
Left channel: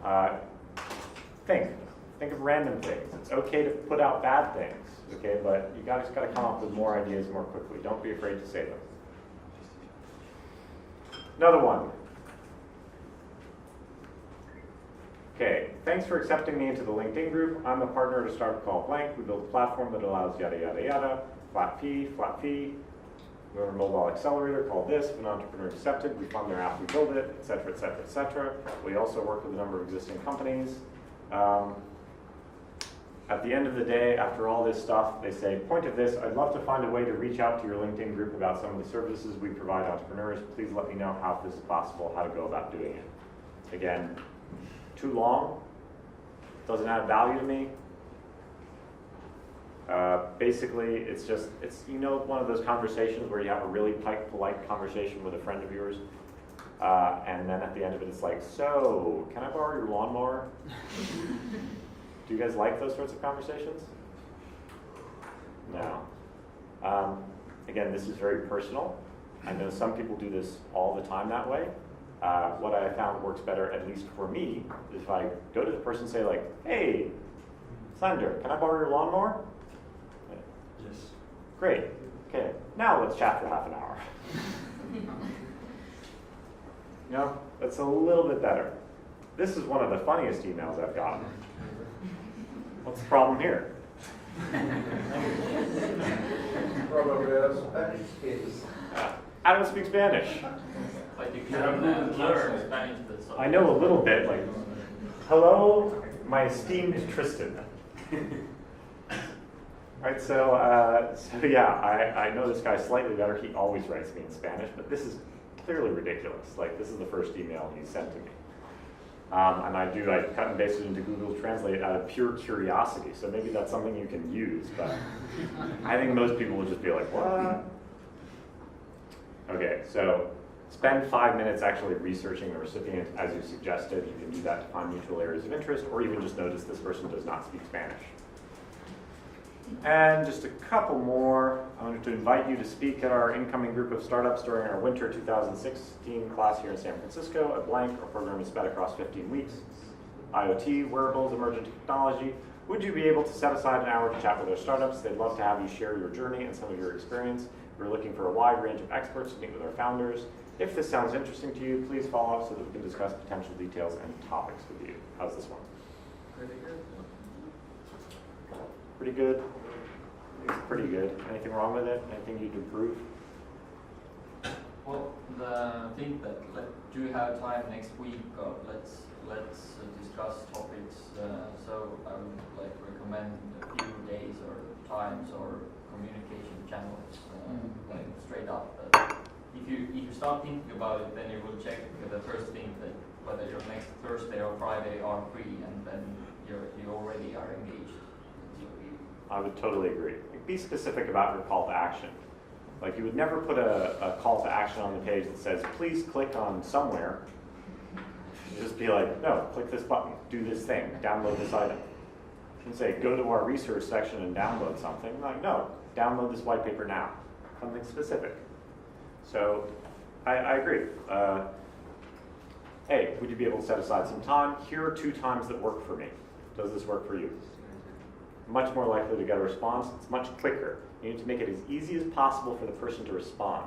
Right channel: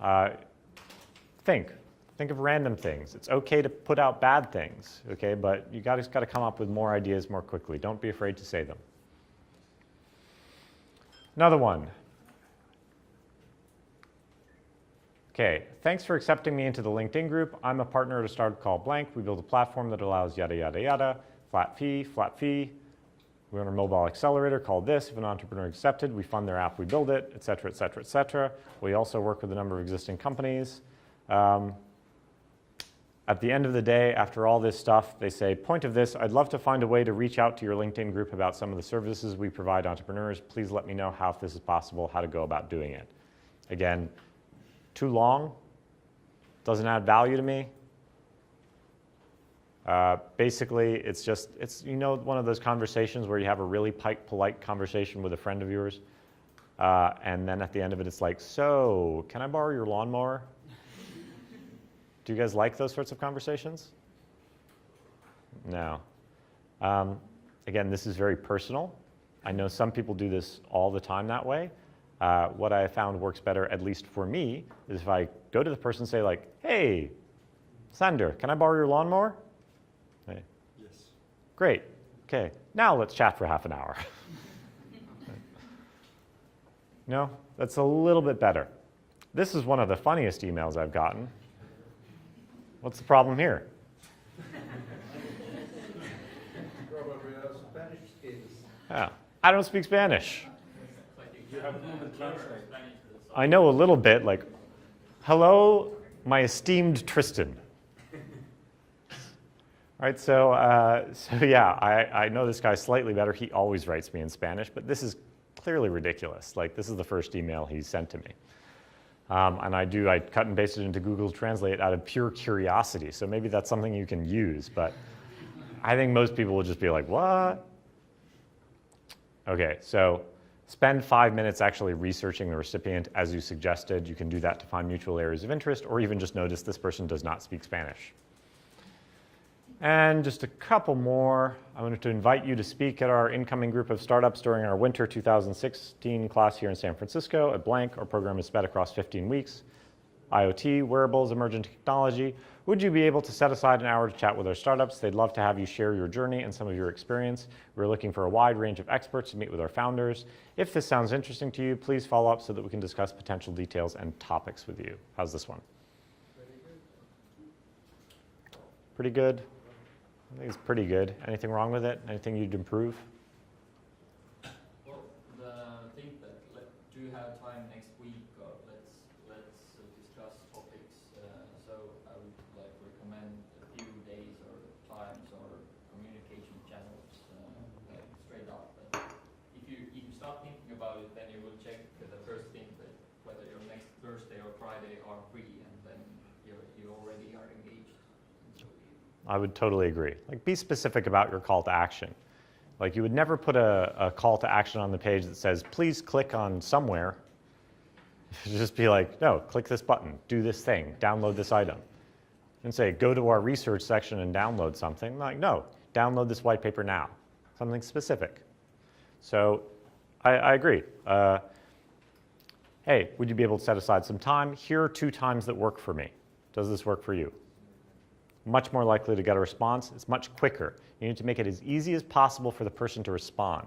Think of random things. It's okay to put out bad things, okay, but you guys got to come up with more ideas more quickly. Don't be afraid to say them. Another one. Okay, thanks for accepting me into the LinkedIn group. I'm a partner at a startup called Blank. We built a platform that allows yada, yada, yada, flat fee. We're a mobile accelerator called this. If an entrepreneur accepted, we fund their app, we build it, et cetera, et cetera, et cetera. We also work with a number of existing companies. At the end of the day, after all this stuff, they say, point of this, I'd love to find a way to reach out to your LinkedIn group about some of the services we provide entrepreneurs. Please let me know how, if this is possible, how to go about doing it. Again, too long, doesn't add value to me. Basically, it's one of those conversations where you have a really polite conversation with a friend of yours, and then at the end of it, it's like, so, can I borrow your lawnmower? Do you guys like those sorts of conversations? No. Again, this is very personal. I know some people do this all the time that way. What I found works better, at least for me, is if I go to the person and say like, hey, Sander, can I borrow your lawnmower? Okay. Yes. Great. Okay, now let's chat for half an hour. No, that's a little bit better. This is one of the funniest emails I've gotten. What's the problem here? Probably a Spanish case. Yeah, I don't speak Spanish. But you can learn Spanish. I know a little bit, like, hello, my esteemed Tristan. Right, so yeah, I know this guy slightly better. He always writes me in Spanish, but this is clearly ridiculous. Like, this is the first email he sent to me. And I cut and pasted into Google Translate out of pure curiosity, so maybe that's something you can use, but I think most people will just be like, what? Okay, so spend 5 minutes actually researching the recipient as you suggested. You can do that to find mutual areas of interest, or even just notice this person does not speak Spanish. And just a couple more. I wanted to invite you to speak at our incoming group of startups during our winter 2016 class here in San Francisco at Blank. Our program is spread across 15 weeks. IoT, wearables, emerging technology. Would you be able to set aside an hour to chat with our startups? They'd love to have you share your journey and some of your experience. We're looking for a wide range of experts to meet with our founders. If this sounds interesting to you, please follow up so that we can discuss potential details and topics with you. How's this one? Pretty good. Pretty good? I think it's pretty good. Anything wrong with it? Anything you'd improve? Well, the thing that do you have time next week? Let's discuss topics. So I would recommend a few days or times or communication channels, straight up. But if you start thinking about it, then you will check the first thing that whether your next Thursday or Friday are free, and then you already are engaged. I would totally agree. Like, be specific about your call to action. Like, you would never put a call to action on the page that says, please click on somewhere. You just be like, no, click this button, do this thing, download this item. And say, go to our research section and download something. Like, no, download this white paper now. Something specific. So, I agree. Hey, would you be able to set aside some time? Here are 2 times that work for me. Does this work for you? Much more likely to get a response. It's much quicker. You need to make it as easy as possible for the person to respond.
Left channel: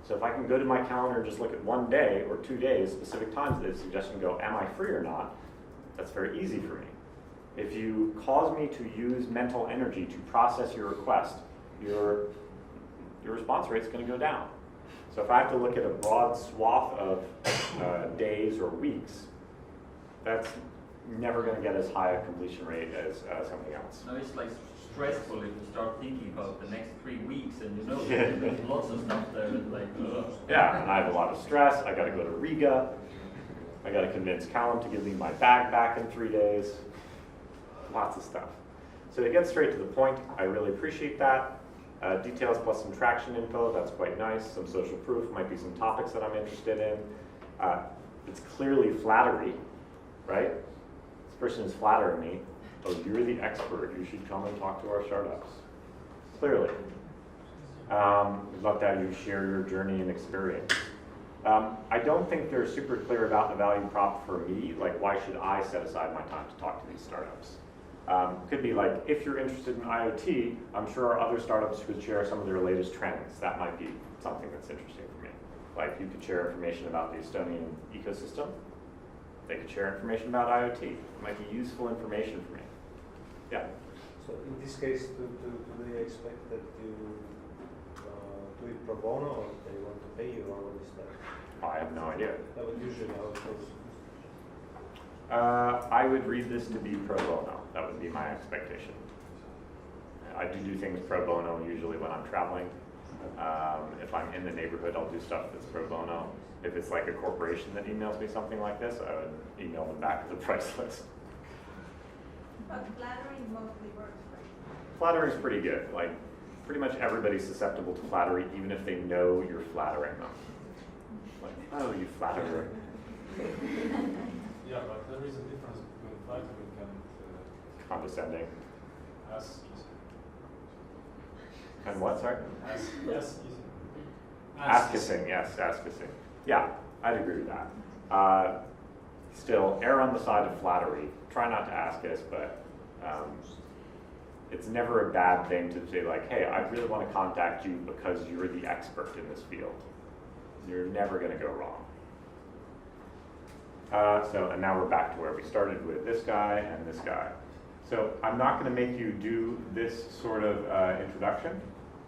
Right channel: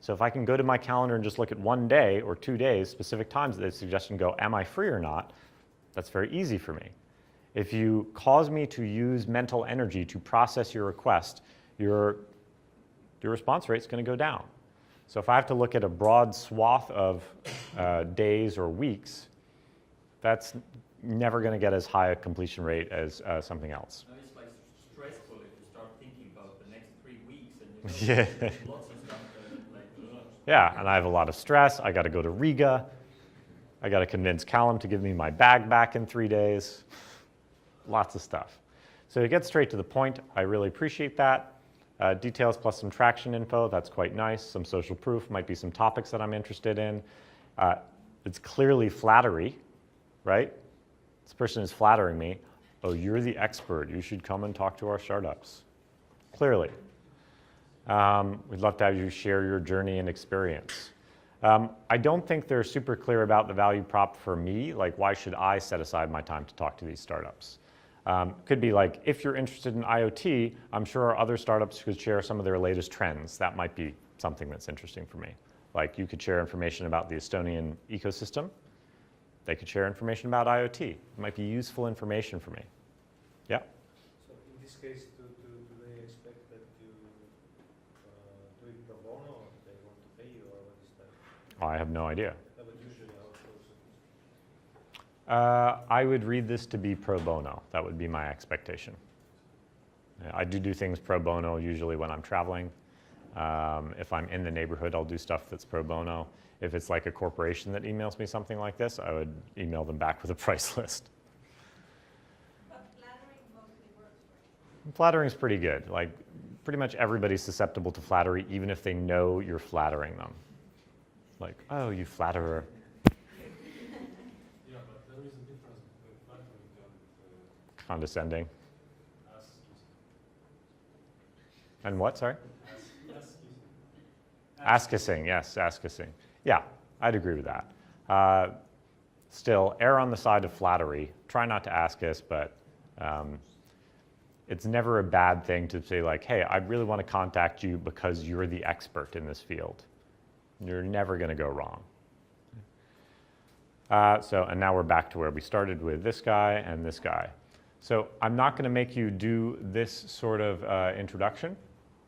So if I can go to my calendar and just look at 1 day or 2 days, specific times that they suggest and go, am I free or not? That's very easy for me. If you cause me to use mental energy to process your request, your response rate is going to go down. So if I have to look at a broad swath of days or weeks, that's never going to get as high a completion rate as something else. No, it's stressful if you start thinking about the next 3 weeks, and Yeah. there's lots of stuff there that's ugh. Yeah, and I have a lot of stress. I got to go to Riga. I got to convince Callum to give me my bag back in 3 days. Lots of stuff. So to get straight to the point, I really appreciate that. Details plus some traction info, that's quite nice. Some social proof, might be some topics that I'm interested in. It's clearly flattery, right? This person is flattering me. Oh, you're the expert. You should come and talk to our startups. Clearly. We'd love to have you share your journey and experience. I don't think they're super clear about the value prop for me. Like, why should I set aside my time to talk to these startups? Could be like, if you're interested in IoT, I'm sure other startups could share some of their latest trends. That might be something that's interesting for me. Like, you could share information about the Estonian ecosystem. They could share information about IoT. It might be useful information for me. Yeah? So in this case, do they expect that you do it pro bono, or they want to pay you, or what is that? I have no idea. That would usually how it goes. I would read this to be pro bono. That would be my expectation. I do things pro bono usually when I'm traveling. If I'm in the neighborhood, I'll do stuff that's pro bono. If it's like a corporation that emails me something like this, I would email them back with a price list. But flattering mostly works, right? Flattery is pretty good. Like, pretty much everybody's susceptible to flattery, even if they know you're flattering them. Like, oh, you flatterer. Yeah, but there is a difference between flattering and Condescending. ass And what, sorry? kissing. Ass kissing, yes, ass kissing. Yeah, I'd agree with that. still err on the side of flattery. Try not to ask us, but it's never a bad thing to say like, hey, I really want to contact you because you're the expert in this field. You're never going to go wrong. And now we're back to where we started with this guy and this guy. So I'm not going to make you do this sort of introduction.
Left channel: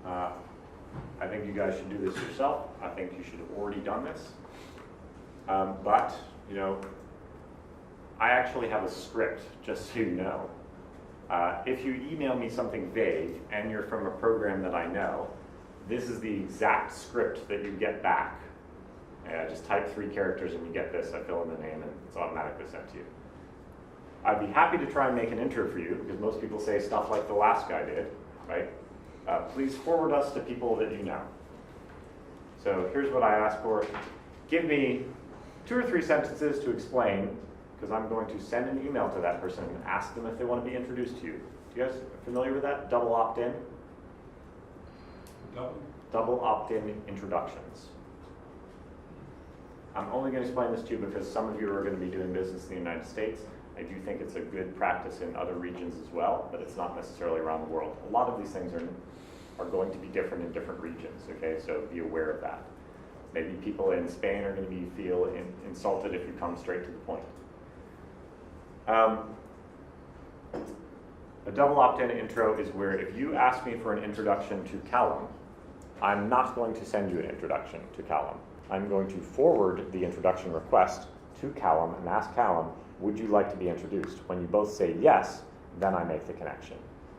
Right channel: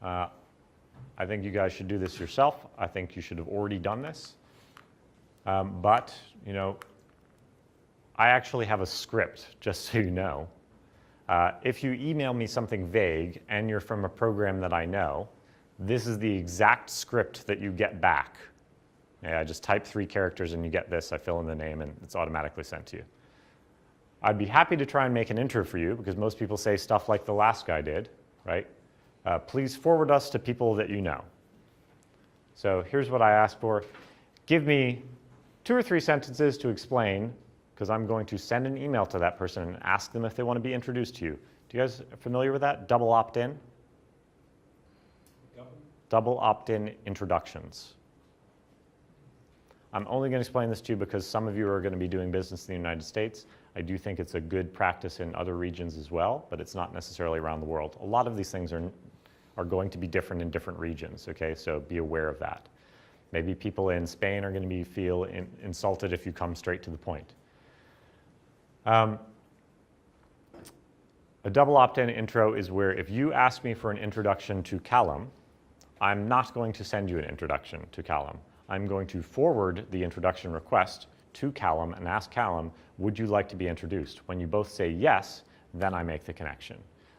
I think you guys should do this yourself. I think you should have already done this. But, you know, I actually have a script, just so you know. If you email me something vague and you're from a program that I know, this is the exact script that you get back. And I just type 3 characters and you get this. I fill in the name and it's automatically sent to you. I'd be happy to try and make an intro for you because most people say stuff like the last guy did, right? Please forward us to people that you know. So here's what I asked for. Give me 2 or 3 sentences to explain, because I'm going to send an email to that person and ask them if they want to be introduced to you. Do you guys familiar with that? Double opt-in? Double opt-in introductions. I'm only going to explain this to you because some of you are going to be doing business in the United States. I do think it's a good practice in other regions as well, but it's not necessarily around the world. A lot of these things are going to be different in different regions, okay? So be aware of that. Maybe people in Spain are going to feel insulted if you come straight to the point. A double opt-in intro is where if you ask me for an introduction to Callum, I'm not going to send you an introduction to Callum. I'm going to forward the introduction request to Callum and ask Callum, would you like to be introduced? When you both say yes, then I make the connection.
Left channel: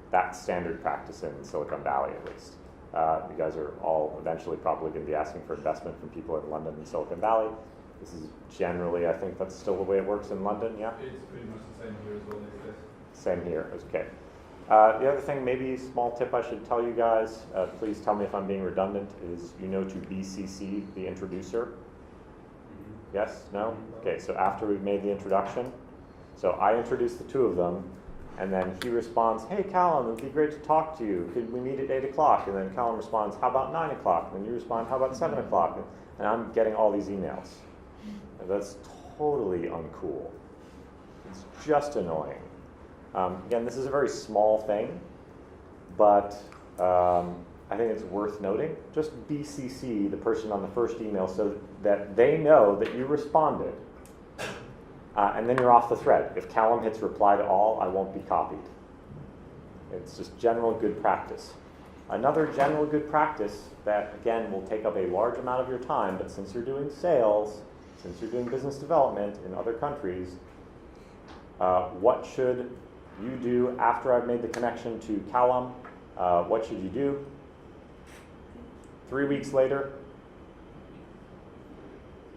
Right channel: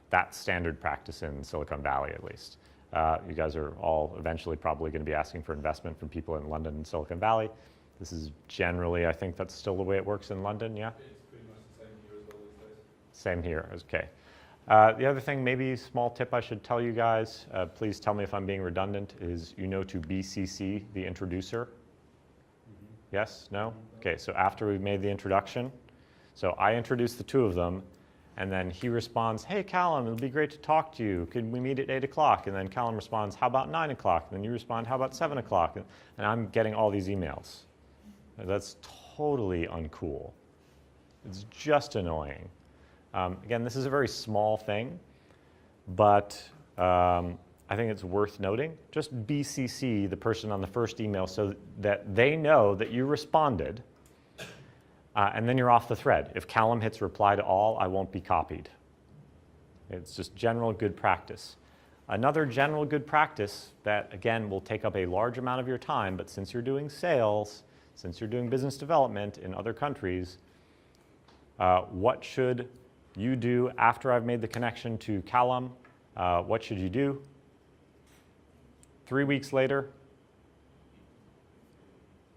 That's standard practice in Silicon Valley, at least. You guys are all eventually probably going to be asking for investment from people in London and Silicon Valley. This is generally, I think that's still the way it works in London, yeah? It's pretty much the same here as well these days. Same here, okay. The other thing, maybe small tip I should tell you guys, please tell me if I'm being redundant, is you know to BCC the introducer. Yes? No? Okay, so after we've made the introduction, so I introduce the 2 of them, and then he responds, hey Callum, it would be great to talk to you. Could we meet at 8 o'clock? And then Callum responds, how about 9 o'clock? And then you respond, how about 7 o'clock? And I'm getting all these emails. That's totally uncool. It's just annoying. Again, this is a very small thing, but I think it's worth noting. Just BCC the person on the first email so that they know that you responded, and then you're off the thread. If Callum hits reply to all, I won't be copied. It's just general good practice. Another general good practice that, again, will take up a large amount of your time, but since you're doing sales, since you're doing business development in other countries, what should you do after I've made the connection to Callum? What should you do? 3 weeks later,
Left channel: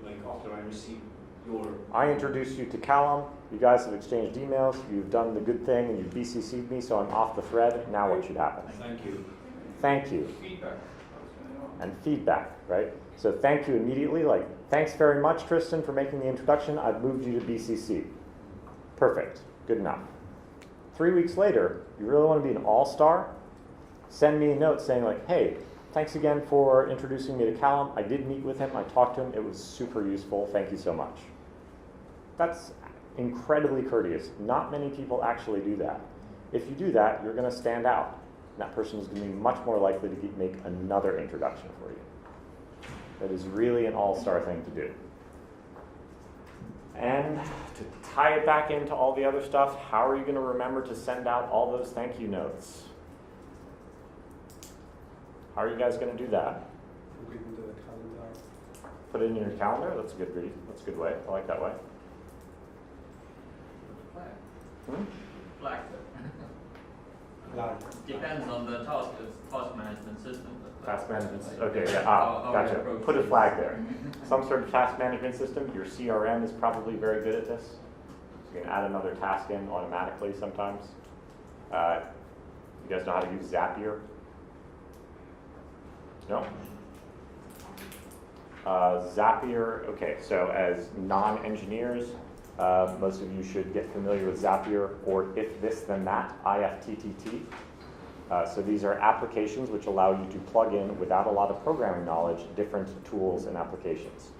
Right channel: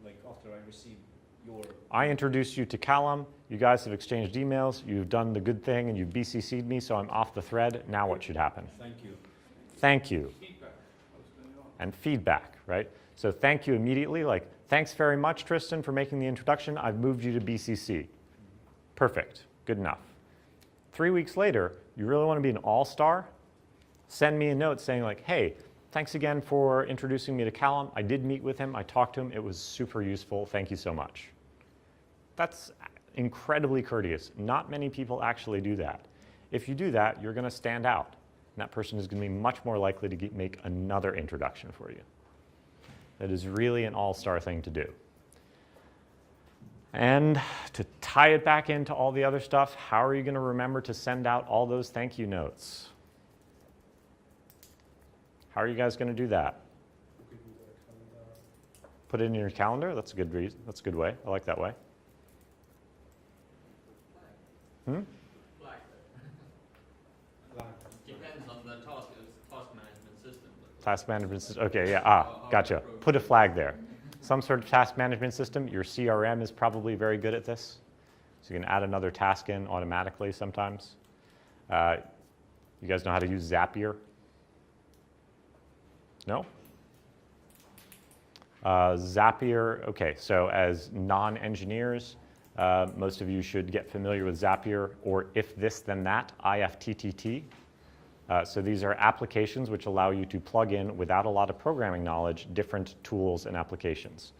Like after I receive your... I introduced you to Callum. You guys have exchanged emails. You've done the good thing and you've BCC'd me, so I'm off the thread. Now what should happen? Thank you. Thank you. Feedback. And feedback, right? So thank you immediately, like, thanks very much, Tristan, for making the introduction. I've moved you to BCC. Perfect, good enough. 3 weeks later, you really want to be an all-star? Send me a note saying like, hey, thanks again for introducing me to Callum. I did meet with him, I talked to him, it was super useful, thank you so much. That's incredibly courteous. Not many people actually do that. If you do that, you're going to stand out. And that person is going to be much more likely to make another introduction for you. That is really an all-star thing to do. And to tie it back into all the other stuff, how are you going to remember to send out all those thank you notes? How are you guys going to do that? Put it in your calendar? That's a good reason. That's a good way. I like that way. Flag. Depends on the task management system. Task management system. Okay, yeah. Gotcha. Put a flag there. Some sort of task management system. Your CRM is probably very good at this. So you can add another task in automatically sometimes. You guys know how to use Zapier? No? Zapier, okay, so as non-engineers, most of you should get familiar with Zapier, or if this then that, IFTTT. So these are applications which allow you to plug in, without a lot of programming knowledge, different tools and applications.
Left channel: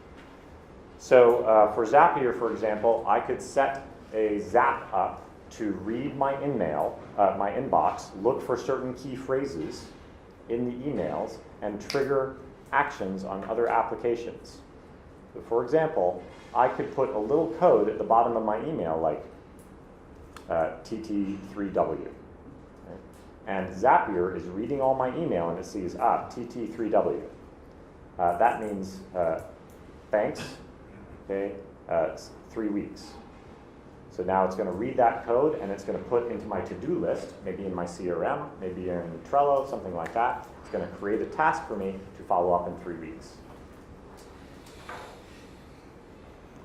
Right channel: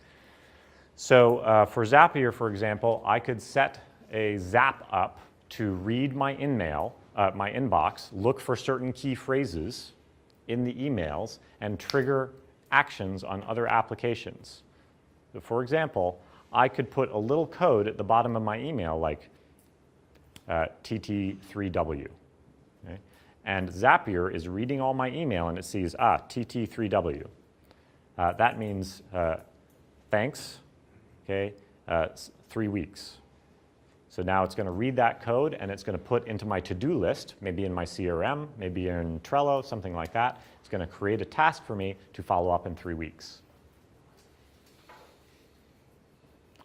So for Zapier, for example, I could set a Zap up to read my email, my inbox, look for certain key phrases in the emails, and trigger actions on other applications. So for example, I could put a little code at the bottom of my email like TT3W. Okay? And Zapier is reading all my email and it sees, TT3W. That means thanks, okay, 3 weeks. So now it's going to read that code and it's going to put into my to-do list, maybe in my CRM, maybe in Trello, something like that. It's going to create a task for me to follow up in 3 weeks.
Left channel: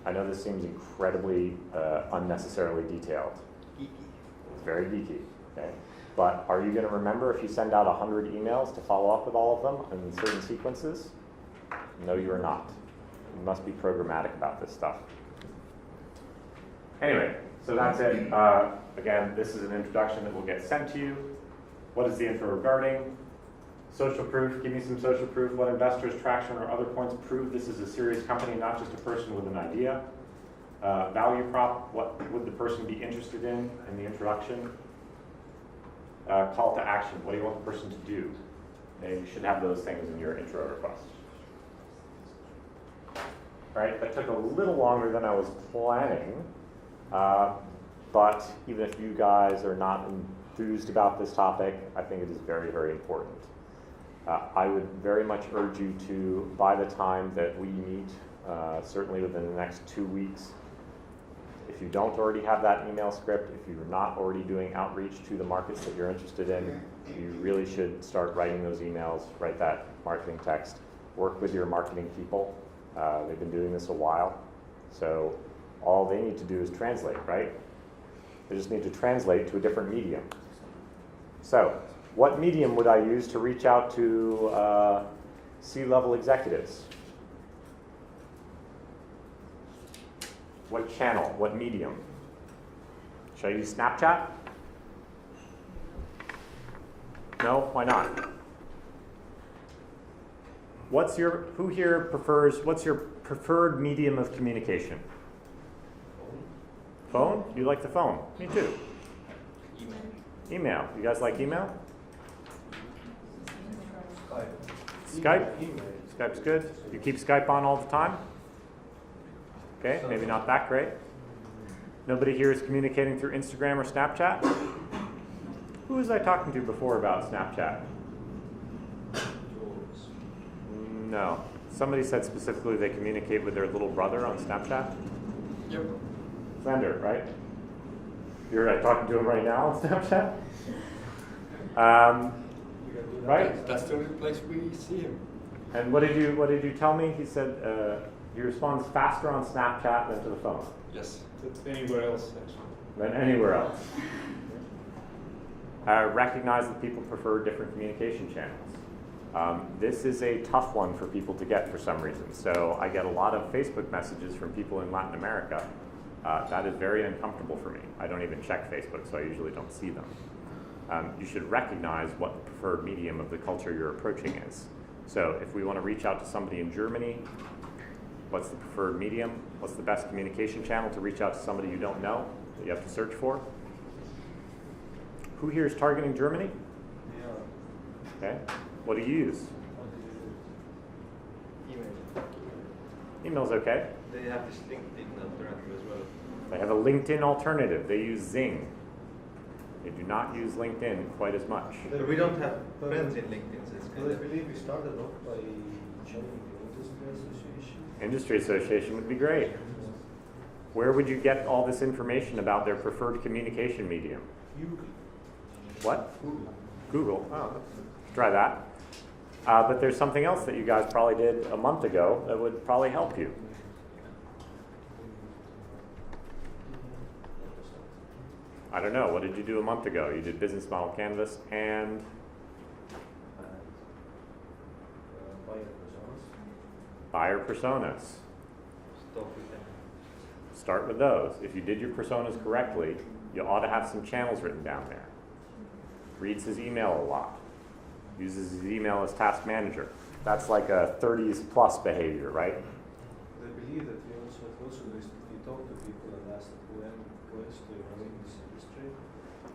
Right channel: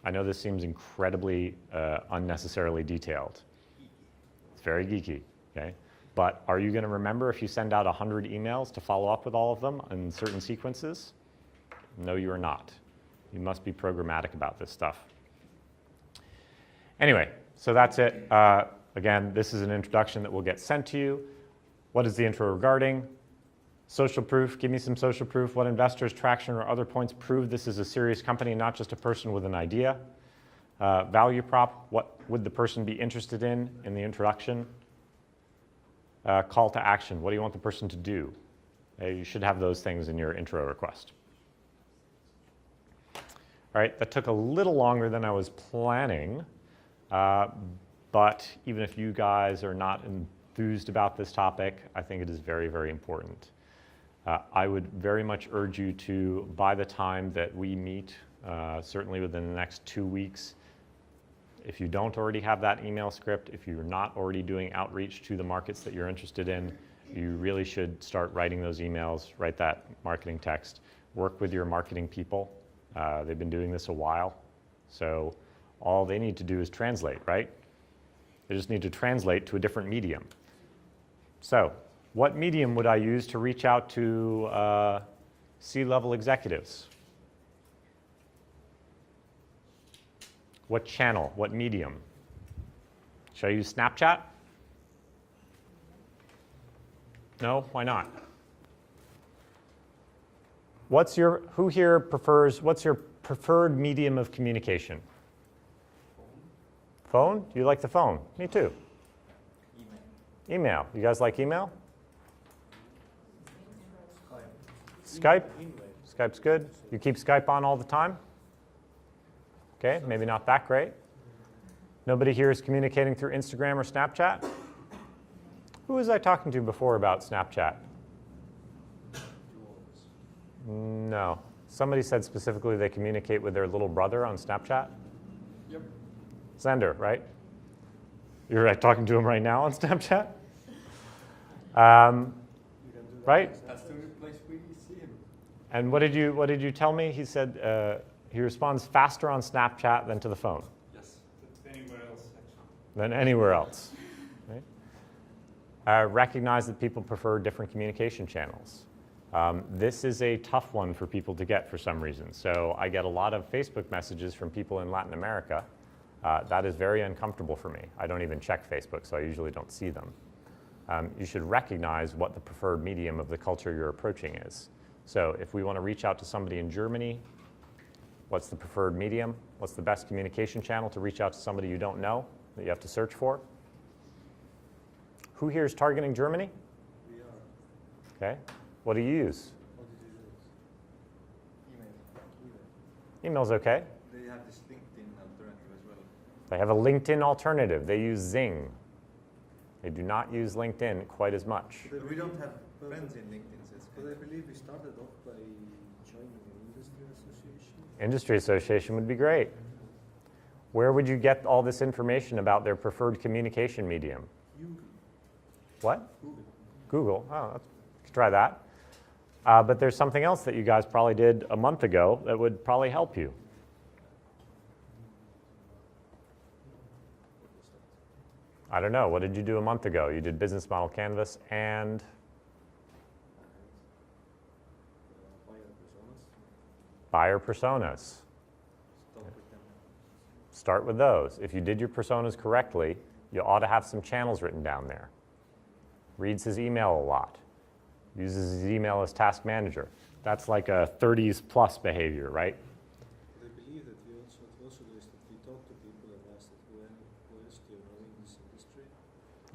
I know this seems incredibly unnecessarily detailed. It's very geeky, okay? But are you going to remember if you send out 100 emails to follow up with all of them in certain sequences? No, you are not. You must be programmatic about this stuff. Anyway, so that's it. Again, this is an introduction that will get sent to you. What is the intro regarding? Social proof, give me some social proof. What investors, traction, or other points prove this is a serious company, not just a person with an idea? Value prop, what would the person be interested in the introduction? Call to action, what do you want the person to do? You should have those things in your intro request. All right, that took a little longer than I was planning, but even if you guys are not enthused about this topic, I think it is very, very important. I would very much urge you to, by the time that we meet, certainly within the next 2 weeks, if you don't already have that email script, if you're not already doing outreach to the markets that you're interested in, you really should start writing those emails, write that marketing text, work with your marketing people. They've been doing this a while, so all they need to do is translate, right? They just need to translate to a different medium. So, what medium would I use to reach out to C-level executives? What channel? What medium? Should I use Snapchat? No? Why not? What's your preferred medium of communication? Phone? You like the phone? Me too. Email. You guys like email? Skype? Skype's good. You keep Skype on all the time? Okay, maybe not that great. Nobody here is communicating through Instagram or Snapchat? Who was I talking to before about Snapchat? No. Somebody said specifically they communicate with their little brother on Snapchat? Yep. Xander, right? You're talking to him right now on Snapchat? Right? That's the only place we see him. And what did you tell me? He said he responds faster on Snapchat than to the phone. Yes. Anywhere else, actually. Than anywhere else. Recognize that people prefer different communication channels. This is a tough one for people to get for some reason. So I get a lot of Facebook messages from people in Latin America. That is very uncomfortable for me. I don't even check Facebook, so I usually don't see them. You should recognize what the preferred medium of the culture you're approaching is. So if we want to reach out to somebody in Germany, what's the preferred medium? What's the best communication channel to reach out to somebody you don't know that you have to search for? Who here is targeting Germany? Yeah. Okay. What do you use? Email. Email's okay. They have this LinkedIn alternative as well. They have a LinkedIn alternative. They use Zing. They do not use LinkedIn quite as much. But we don't have friends in LinkedIn, so it's kind I of... believe we started off by joining the industry association. Industry association would be great. Where would you get all this information about their preferred communication medium? What? Google. Oh, let's try that. But there's something else that you guys probably did a month ago that would probably help you. I don't know. What did you do a month ago? You did business model canvas and buyer personas. Start with those. If you did your personas correctly, you ought to have some channels written down there. Reads his email a lot. Uses his email as task manager. That's like a 30s plus behavior, right? I believe that we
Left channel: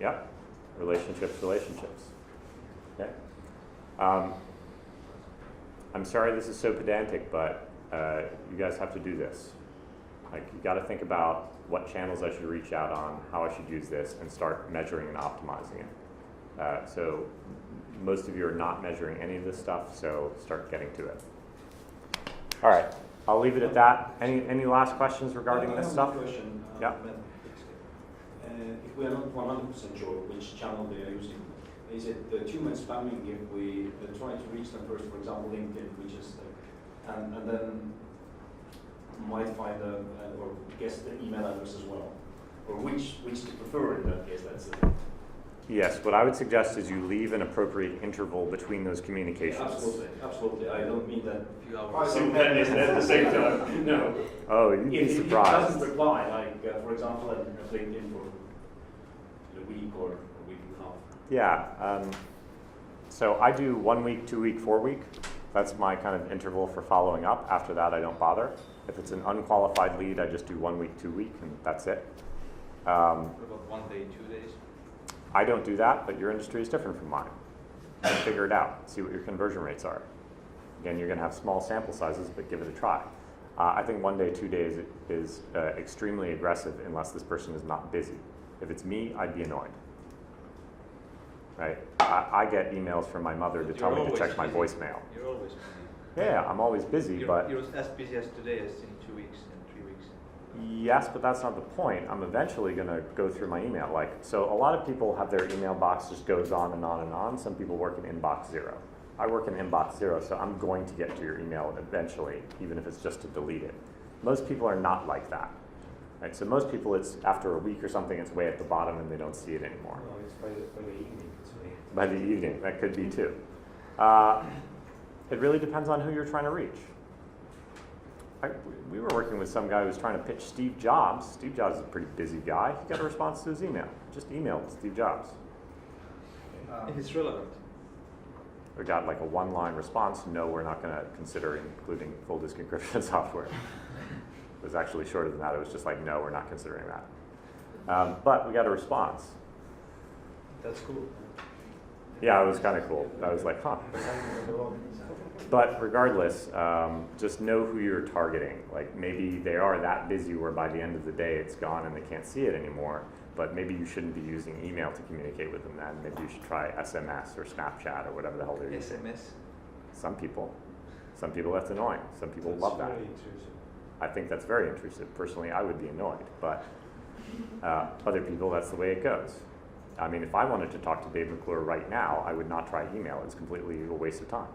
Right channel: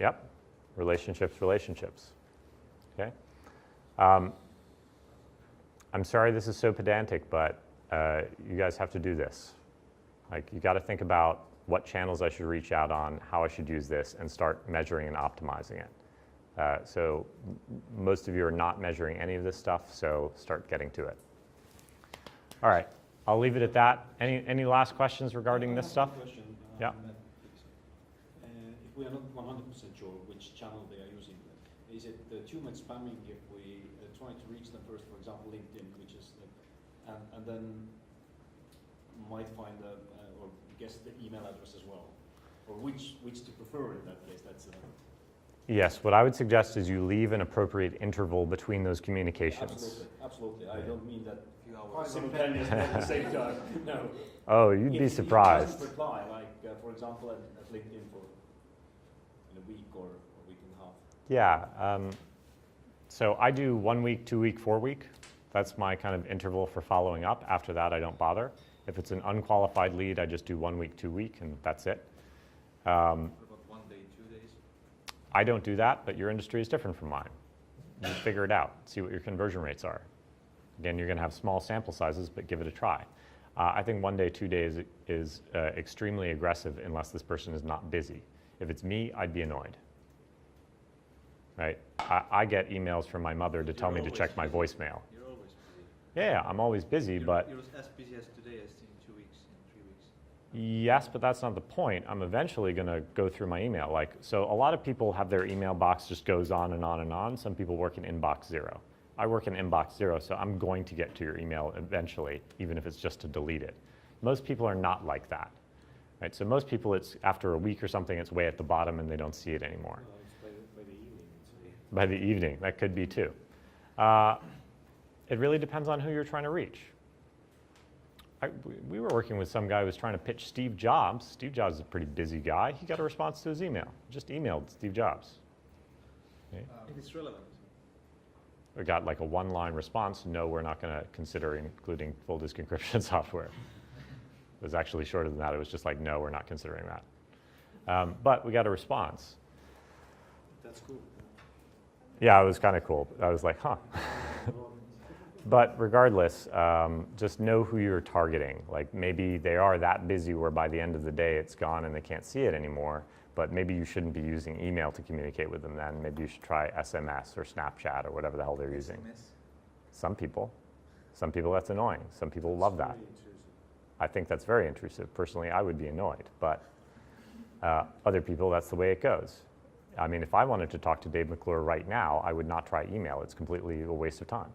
Yep. Relationships. Okay. I'm sorry this is so pedantic, but you guys have to do this. Like, you got to think about what channels I should reach out on, how I should use this, and start measuring and optimizing it. So most of you are not measuring any of this stuff, so start getting to it. All right, I'll leave it at that. Any last questions regarding this stuff? I have a question. Yeah. If we are not 100% sure which channel they are using, is it too much spamming if we try to reach them first, for example, LinkedIn, which is and then might find or guess the email address as well, or which to prefer in that case? That's the thing. Yes, what I would suggest is you leave an appropriate interval between those communications. Absolutely. I don't mean that Few hours. simultaneously at the same time. No. Oh, you'd be If surprised. he doesn't reply, like for example, at LinkedIn for a week or a week and a half. Yeah, so I do 1 week, 2 week, 4 week. That's my kind of interval for following up. After that, I don't bother. If it's an unqualified lead, I just do 1 week, 2 week, and that's it. What about 1 day, 2 days? I don't do that, but your industry is different from mine. You figure it out, see what your conversion rates are. Again, you're going to have small sample sizes, but give it a try. I think 1 day, 2 days is extremely aggressive unless this person is not busy. If it's me, I'd be annoyed. Right? I get emails from my mother to tell me to check my voicemail. You're always busy. Yeah, I'm always busy, You're but as busy as today as in 2 weeks and 3 weeks. yes, but that's not the point. I'm eventually going to go through my email. So a lot of people have their email box just goes on and on and on. Some people work in inbox 0. I work in inbox 0, so I'm going to get to your email eventually, even if it's just to delete it. Most people are not like that. Right? So most people, it's after a week or something, it's way at the bottom and they don't see it anymore. No, it's by the evening. It's way. By the evening, that could be too. It really depends on who you're trying to reach. We were working with some guy who was trying to pitch Steve Jobs. Steve Jobs is a pretty busy guy. He got a response to his email. Just emailed Steve Jobs. It's relevant. We got like a 1-line response. No, we're not going to consider including full disk encryption software. It was actually shorter than that. It was just like, no, we're not considering that. But we got a response. That's cool. Yeah, it was kind of cool. I was like, huh. But regardless, just know who you're targeting. Like maybe they are that busy where by the end of the day it's gone and they can't see it anymore. But maybe you shouldn't be using email to communicate with them then. Maybe you should try SMS or Snapchat or whatever the hell they're using. SMS. Some people that's annoying. Some people love that. Very intrusive. I think that's very intrusive. Personally, I would be annoyed, but other people, that's the way it goes. I mean, if I wanted to talk to Dave McClure right now, I would not try email. It's completely a waste of time.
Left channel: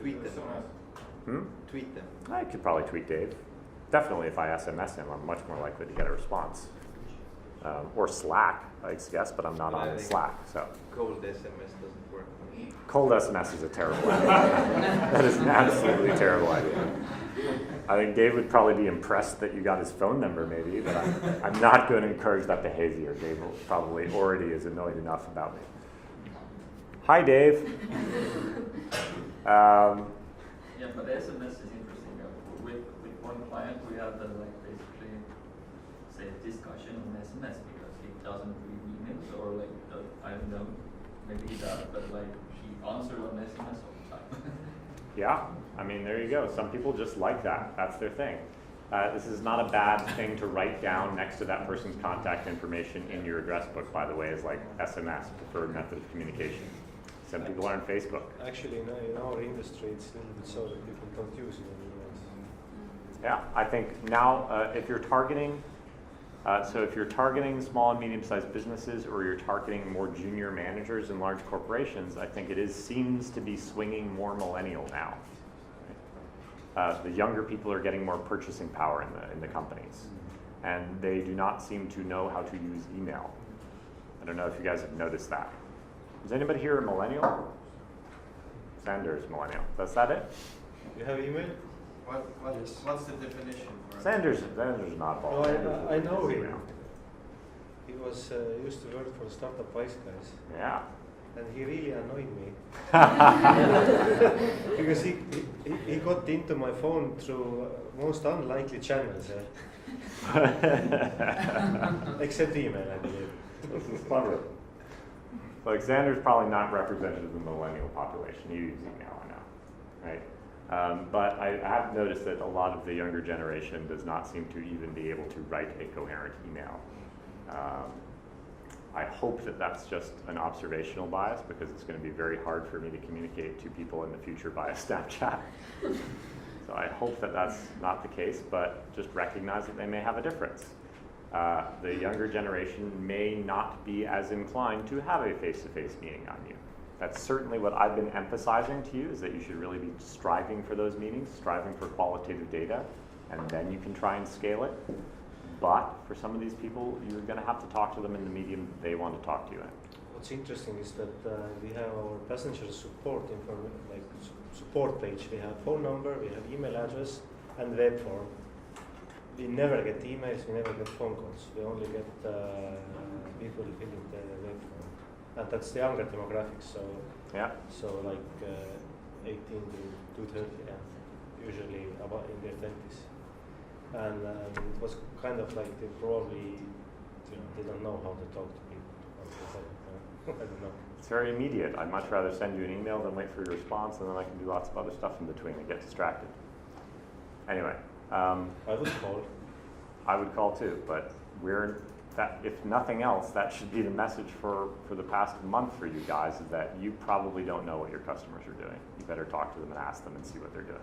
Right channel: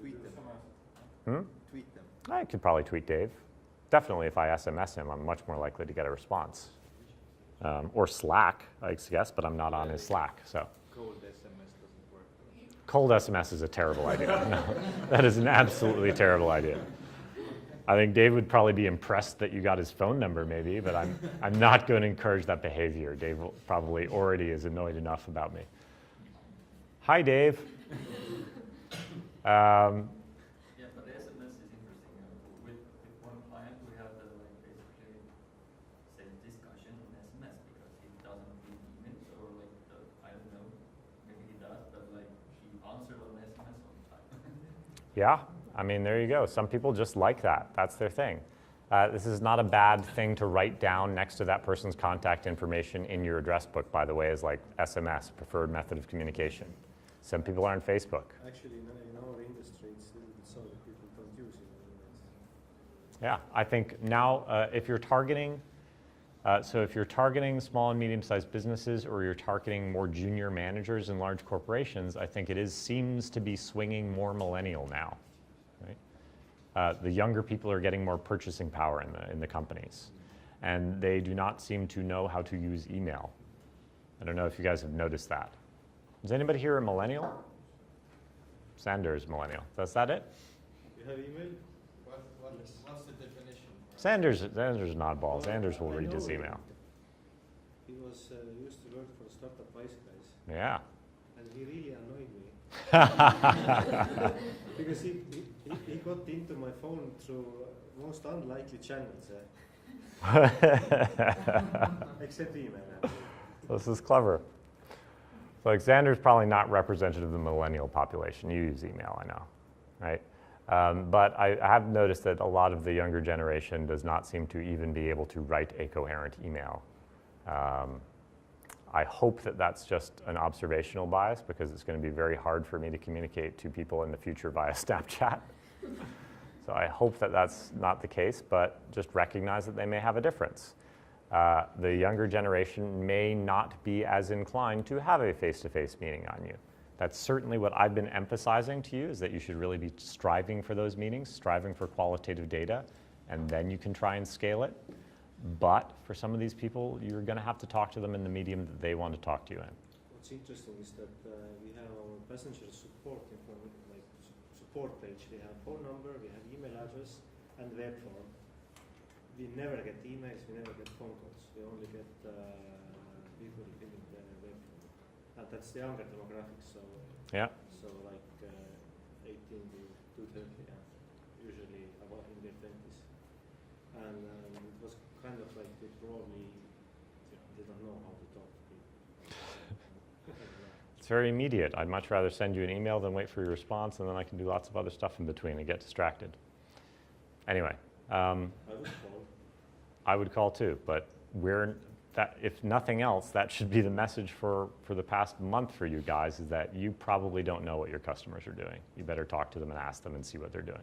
Tweet them. Tweet them. I could probably tweet Dave. Definitely if I SMS him, I'm much more likely to get a response. Or Slack, I guess, but I'm not on his Slack. So Cold SMS doesn't work. cold SMS is a terrible idea. That is an absolutely terrible idea. I think Dave would probably be impressed that you got his phone number maybe, but I'm not going to encourage that behavior. Dave will probably already is annoyed enough about me. Hi, Dave. Yeah, but SMS is interesting. With one client, we had basically say a discussion on SMS because he doesn't read emails or I don't know, maybe he does, but he answered on SMS all the time. Yeah, I mean, there you go. Some people just like that. That's their thing. This is not a bad thing to write down next to that person's contact information in your address book, by the way, is like SMS, preferred method of communication. Some people are on Facebook. Actually, in our industry, it's a little bit so that people don't use it anymore. Yeah, I think now if you're targeting, if you're targeting small and medium-sized businesses or you're targeting more junior managers in large corporations, I think it seems to be swinging more millennial now. Right? The younger people are getting more purchasing power in the companies, and they do not seem to know how to use email. I don't know if you guys have noticed that. Is anybody here a millennial? Sander is millennial. Is that it? You have email? What's the definition? Sander's an oddball. No, Sanders will I read know his him. email. He was used to work for Startup Estonia, Yeah. and he really annoyed me because he got into my phone through most unlikely channels, except email, I believe. This is clever. So Xander's probably not representative of the millennial population. You use email, I know, right? But I have noticed that a lot of the younger generation does not seem to even be able to write a coherent email. I hope that that's just an observational bias, because it's going to be very hard for me to communicate to people in the future via Snapchat. So I hope that that's not the case, but just recognize that they may have a difference. The younger generation may not be as inclined to have a face-to-face meeting on you. That's certainly what I've been emphasizing to you, is that you should really be striving for those meetings, striving for qualitative data, and then you can try and scale it. But for some of these people, you're going to have to talk to them in the medium that they want to talk to you in. What's interesting is that we have our passenger support support page. We have phone number, we have email address, and web form. We never get emails, we never get phone calls. We only get people filling the web form, and that's the younger demographics. So yeah, so like 18 to 30, yeah, usually about in their 20s, and it was kind of like they probably, they don't know how to talk to people. I don't know. It's very immediate. I'd much rather send you an email than wait for your response, and then I can do lots of other stuff in between and get distracted. Anyway. I would call. I would call too, but if nothing else, that should be the message for the past month for you guys, is that you probably don't know what your customers are doing. You better talk to them and ask them and see what they're doing.